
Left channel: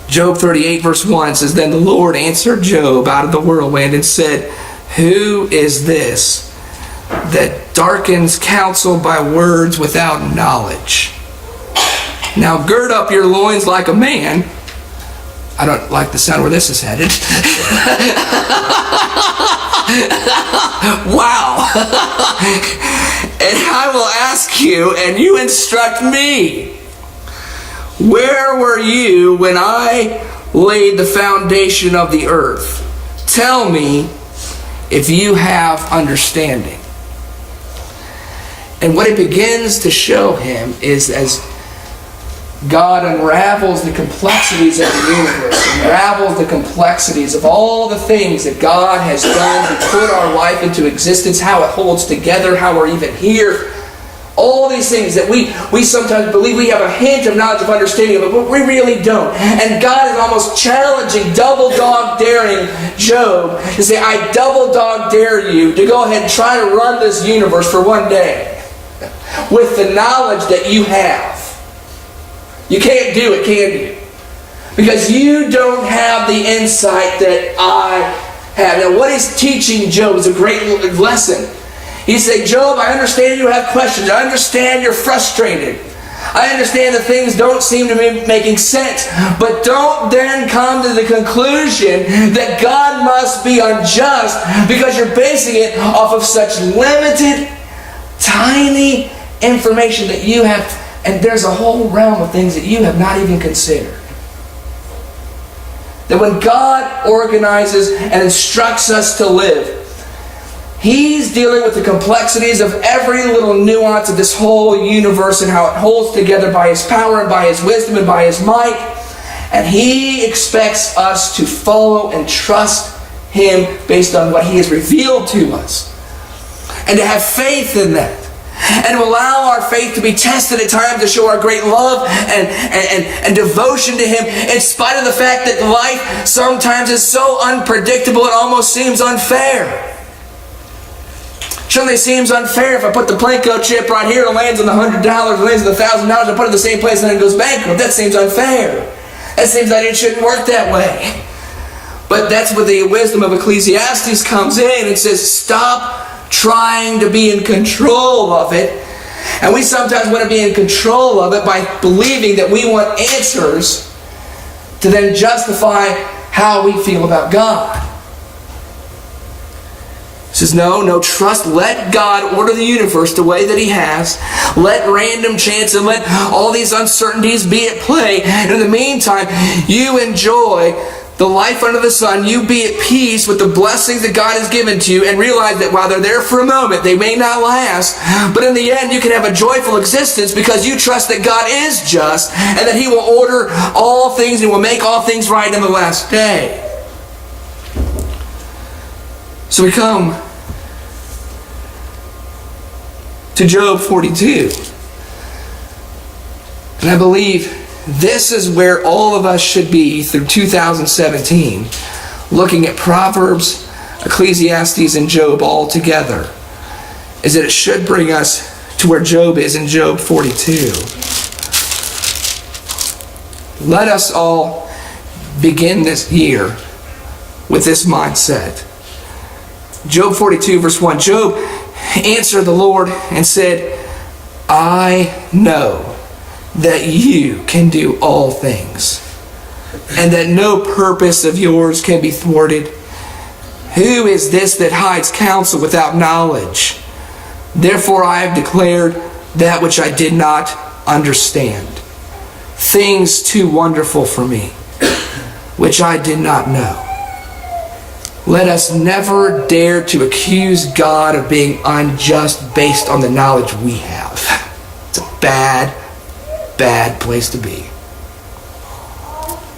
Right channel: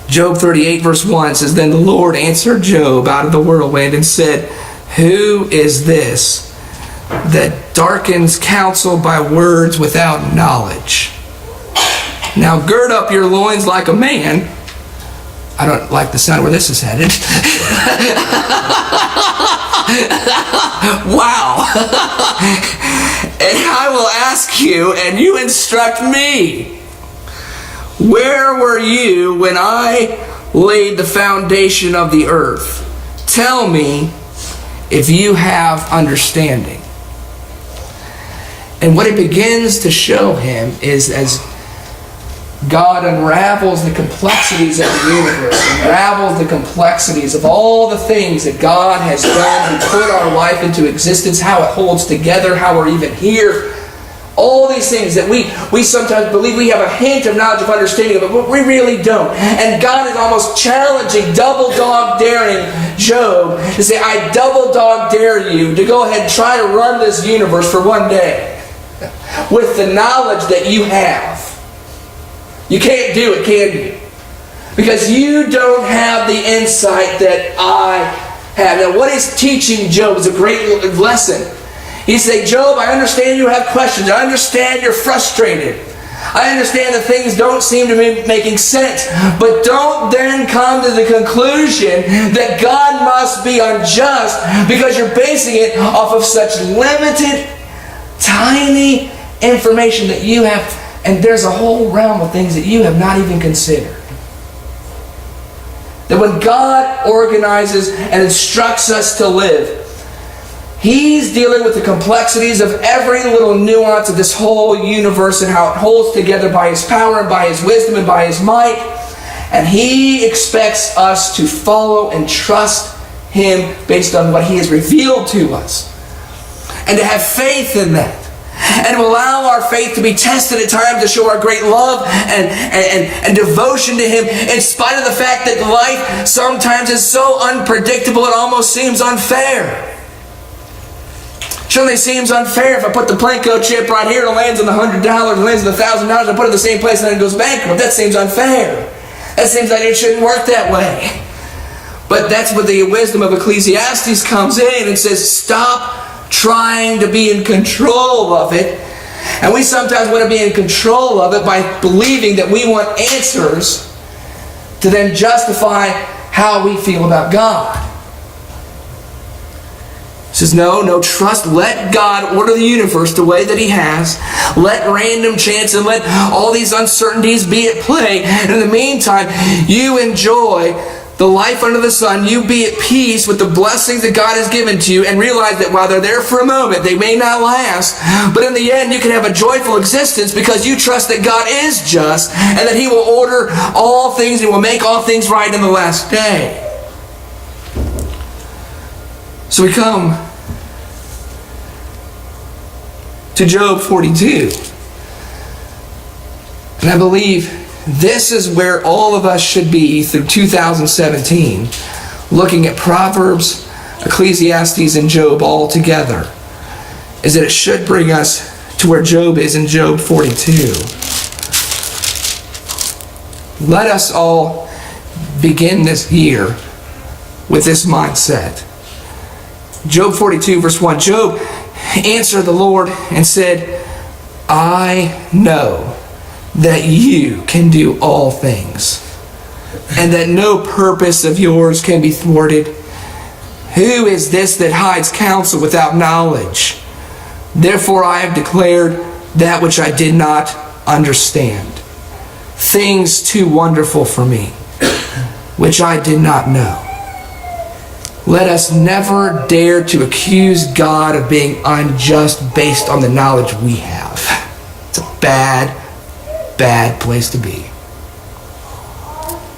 Job 38 verse 1 says, Then the Lord answered Job out of the whirlwind and said, Who is this that darkens counsel by words without knowledge? Now gird up your loins like a man. I don't like the sound where this is headed. Wow. And I will ask you, and you instruct me. Where were you when I laid the foundation of the earth? Tell me if you have understanding. And what it begins to show him is, as God unravels the complexities of the universe, unravels the complexities of all the things that God has done to put our life into existence, how it holds together, how we're even here. All these things that we sometimes believe we have a hint of knowledge of understanding of, but we really don't. And God is almost challenging, double dog daring Job to say, I double dog dare you to go ahead and try to run this universe for one day with the knowledge that you have. You can't do it, can you? Because you don't have the insight that I have. Now, what he's teaching Job is a great lesson. He said, Job, I understand you have questions. I understand you're frustrated. I understand that things don't seem to be making sense. But don't then come to the conclusion that God must be unjust because you're basing it off of such limited, tiny information that you have. And there's a whole realm of things that you have not even considered. That when God organizes and instructs us to live, He's dealing with the complexities of every little nuance of this whole universe and how it holds together by His power and by His wisdom and by His might. And He expects us to follow and trust Him based on what He has revealed to us. And to have faith in that. And to allow our faith to be tested at times to show our great love and devotion to Him, in spite of the fact that life sometimes is so unpredictable it almost seems unfair. Surely it seems unfair if I put the Plinko chip right here, it lands on the $100, it lands on the $1,000, I put it in the same place and then it goes bankrupt. That seems unfair. That seems like it shouldn't work that way. But that's where the wisdom of Ecclesiastes comes in and says, stop trying to be in control of it. And we sometimes want to be in control of it by believing that we want answers to then justify how we feel about God. He says, no, trust. Let God order the universe the way that He has. Let random chance and let all these uncertainties be at play. And in the meantime, you enjoy the life under the sun. You be at peace with the blessings that God has given to you and realize that while they're there for a moment, they may not last. But in the end, you can have a joyful existence because you trust that God is just and that He will order all things and will make all things right in the last day. So we come to Job 42. And I believe this is where all of us should be through 2017, looking at Proverbs, Ecclesiastes, and Job all together, is that it should bring us to where Job is in Job 42. Let us all begin this year with this mindset. Job 42 verse 1, Job answered the Lord and said, I know that you can do all things, and that no purpose of yours can be thwarted. Who is this that hides counsel without knowledge? Therefore I have declared that which I did not understand, things too wonderful for me, which I did not know. Let us never dare to accuse God of being unjust based on the knowledge we have. It's a bad place to be.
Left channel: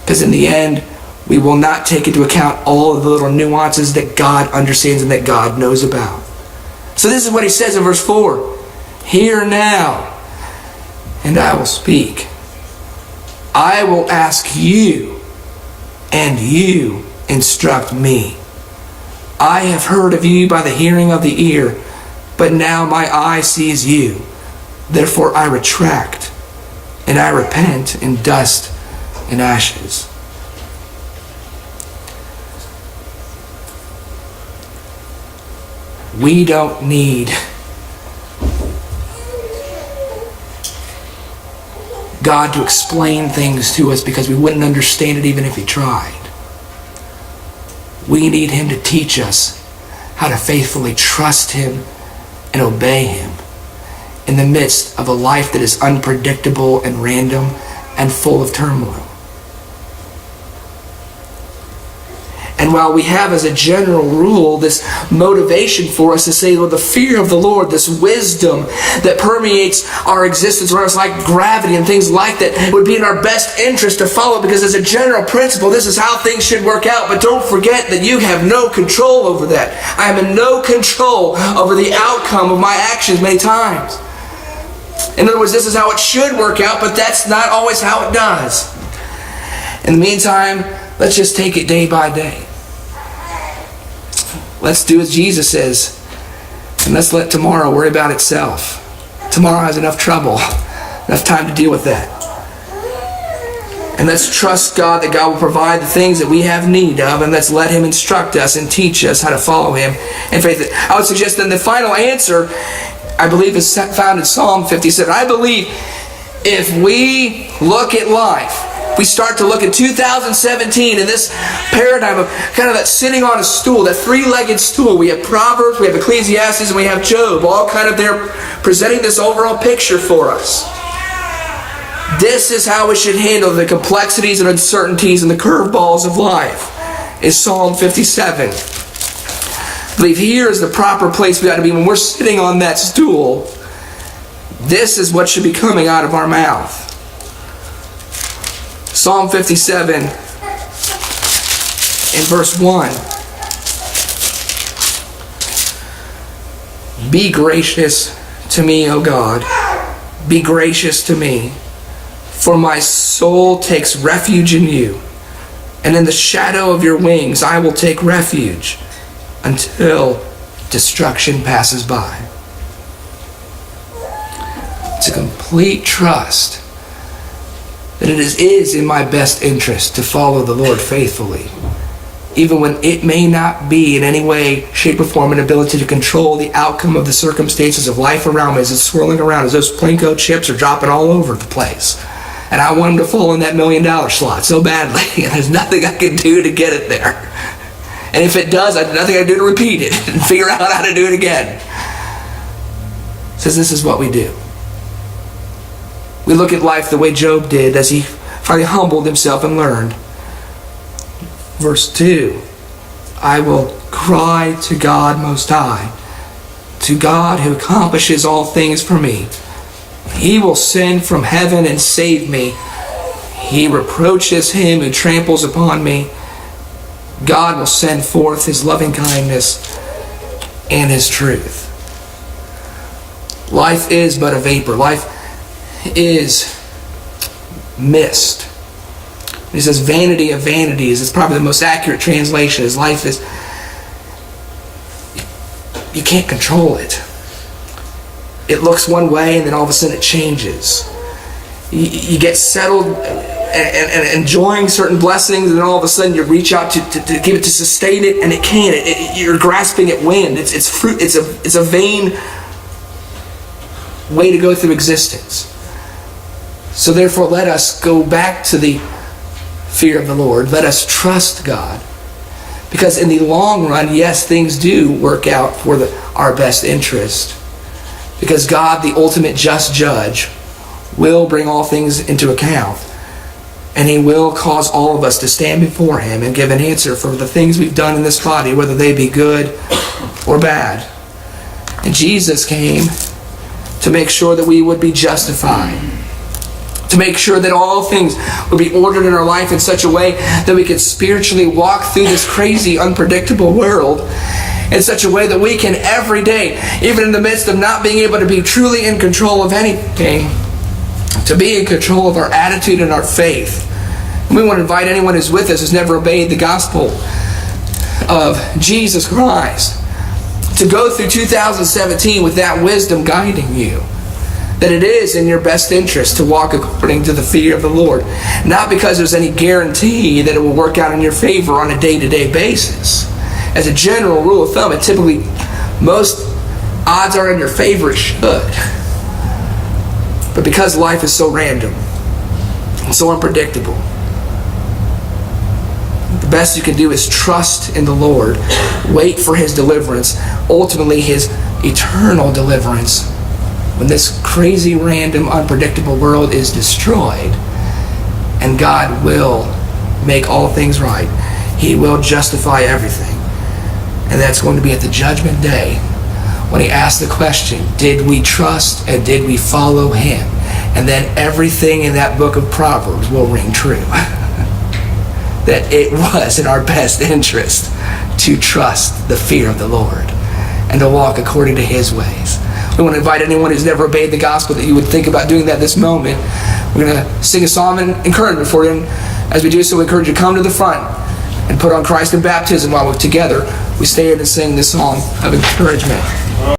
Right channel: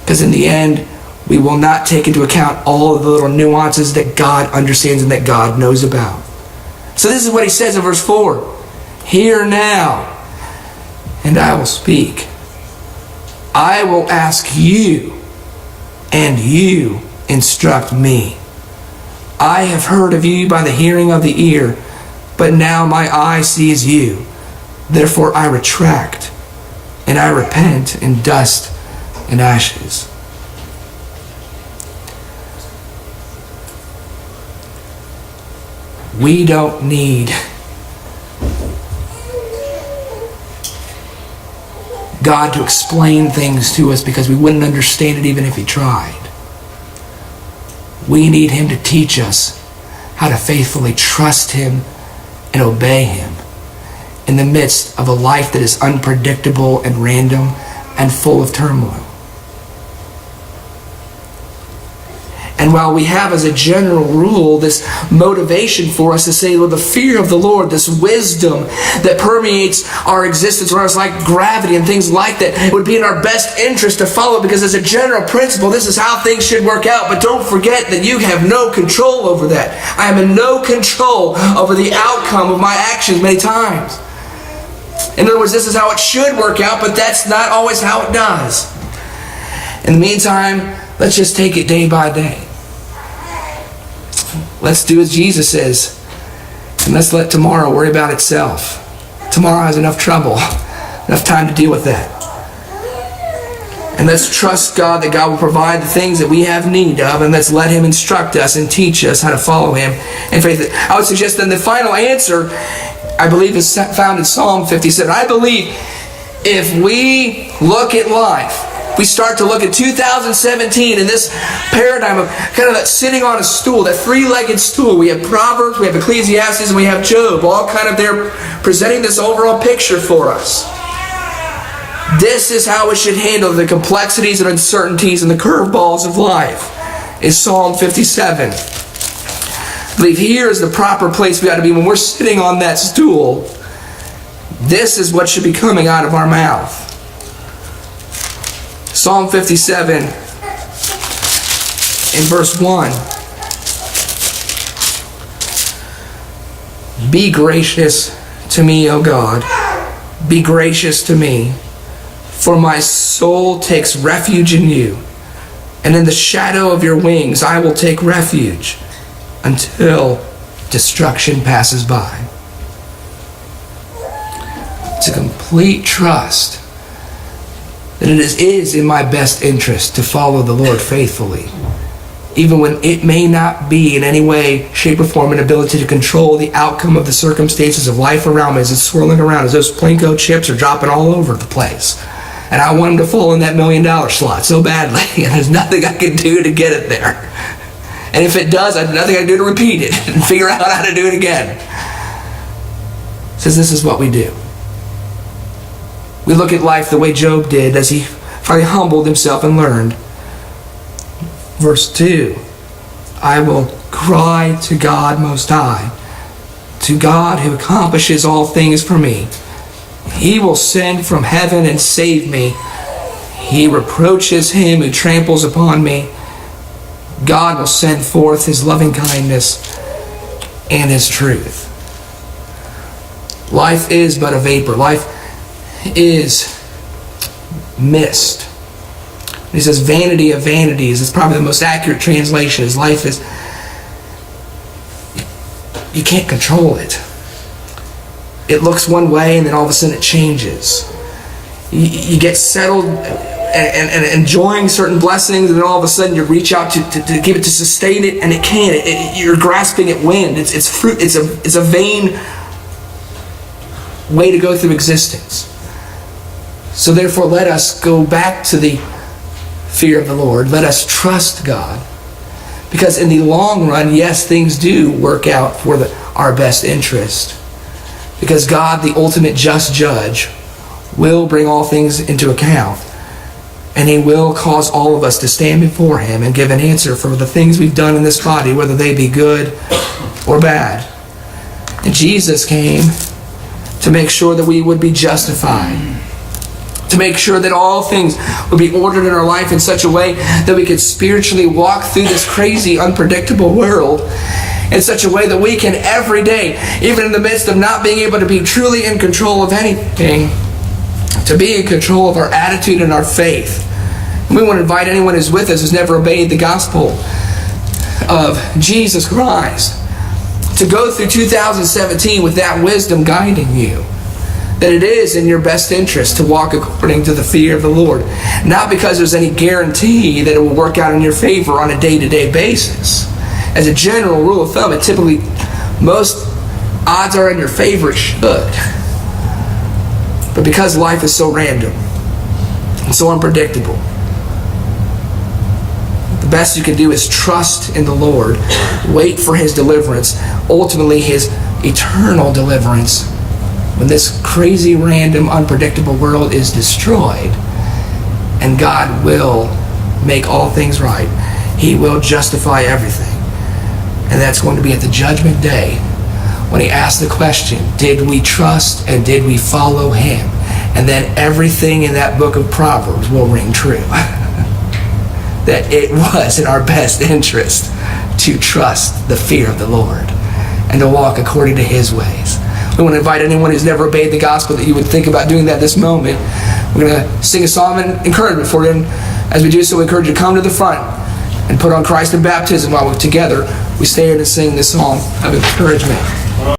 Because in the end, we will not take into account all of the little nuances that God understands and that God knows about. So this is what he says in verse 4. Hear now, and I will speak. I will ask you, and you instruct me. I have heard of you by the hearing of the ear, but now my eye sees you. Therefore I retract and I repent in dust and ashes. We don't need God to explain things to us because we wouldn't understand it even if He tried. We need Him to teach us how to faithfully trust Him and obey Him in the midst of a life that is unpredictable and random and full of turmoil. And while we have as a general rule this motivation for us to say, well, the fear of the Lord, this wisdom that permeates our existence around us like gravity and things like that, it would be in our best interest to follow, because as a general principle, this is how things should work out. But don't forget that you have no control over that. I am in no control over the outcome of my actions many times. In other words, this is how it should work out, but that's not always how it does. In the meantime, let's just take it day by day. Let's do as Jesus says, and let's let tomorrow worry about itself. Tomorrow has enough trouble, enough time to deal with that. And let's trust God that God will provide the things that we have need of, and let's let Him instruct us and teach us how to follow Him in faith. I would suggest then the final answer, I believe, is found in Psalm 57. I believe if we look at life, we start to look at 2017 in this paradigm of kind of that sitting on a stool, that three-legged stool. We have Proverbs, we have Ecclesiastes, and we have Job, all kind of there presenting this overall picture for us. This is how we should handle the complexities and uncertainties and the curveballs of life, is Psalm 57. I believe here is the proper place we got to be when we're sitting on that stool. This is what should be coming out of our mouth. Psalm 57 in verse 1. Be gracious to me, O God. Be gracious to me, for my soul takes refuge in you, and in the shadow of your wings I will take refuge until destruction passes by. It's a complete trust that it is in my best interest to follow the Lord faithfully, even when it may not be in any way, shape, or form an ability to control the outcome of the circumstances of life around me as it's swirling around, as those Plinko chips are dropping all over the place. And I want them to fall in that $1 million slot so badly, and there's nothing I can do to get it there. And if it does, there's nothing I can do to repeat it and figure out how to do it again. It says this is what we do. We look at life the way Job did as he finally humbled himself and learned. Verse 2, I will cry to God Most High, to God who accomplishes all things for me. He will send from heaven and save me. He reproaches him who tramples upon me. God will send forth His loving kindness and His truth. Life is but a vapor. Life is mist. He says vanity of vanities. It's probably the most accurate translation. His life is, you can't control it. It looks one way and then all of a sudden it changes. You get settled and enjoying certain blessings, and then all of a sudden you reach out to give it, to sustain it, and it can't. You're grasping at wind. It's fruit. It's a vain way to go through existence. So therefore, let us go back to the fear of the Lord. Let us trust God. Because in the long run, yes, things do work out for our best interest. Because God, the ultimate just judge, will bring all things into account. And He will cause all of us to stand before Him and give an answer for the things we've done in this body, whether they be good or bad. And Jesus came to make sure that we would be justified. To make sure that all things would be ordered in our life in such a way that we could spiritually walk through this crazy, unpredictable world in such a way that we can every day, even in the midst of not being able to be truly in control of anything, to be in control of our attitude and our faith. And we want to invite anyone who's with us who's never obeyed the gospel of Jesus Christ to go through 2017 with that wisdom guiding you. that it is in your best interest to walk according to the fear of the Lord. Not because there's any guarantee that it will work out in your favor on a day-to-day basis. As a general rule of thumb, most odds are in your favor it should. But because life is so random and so unpredictable, the best you can do is trust in the Lord, wait for His deliverance, ultimately His eternal deliverance, when this crazy, random, unpredictable world is destroyed, and God will make all things right. He will justify everything. And that's going to be at the judgment day, when He asks the question, did we trust and did we follow Him? And then everything in that book of Proverbs will ring true. That it was in our best interest to trust the fear of the Lord and to walk according to His ways. We want to invite anyone who's never obeyed the gospel that you would think about doing that this moment. We're going to sing a song of encouragement for you. And as we do so, we encourage you to come to the front and put on Christ in baptism while we're together. We stand and sing this song of encouragement.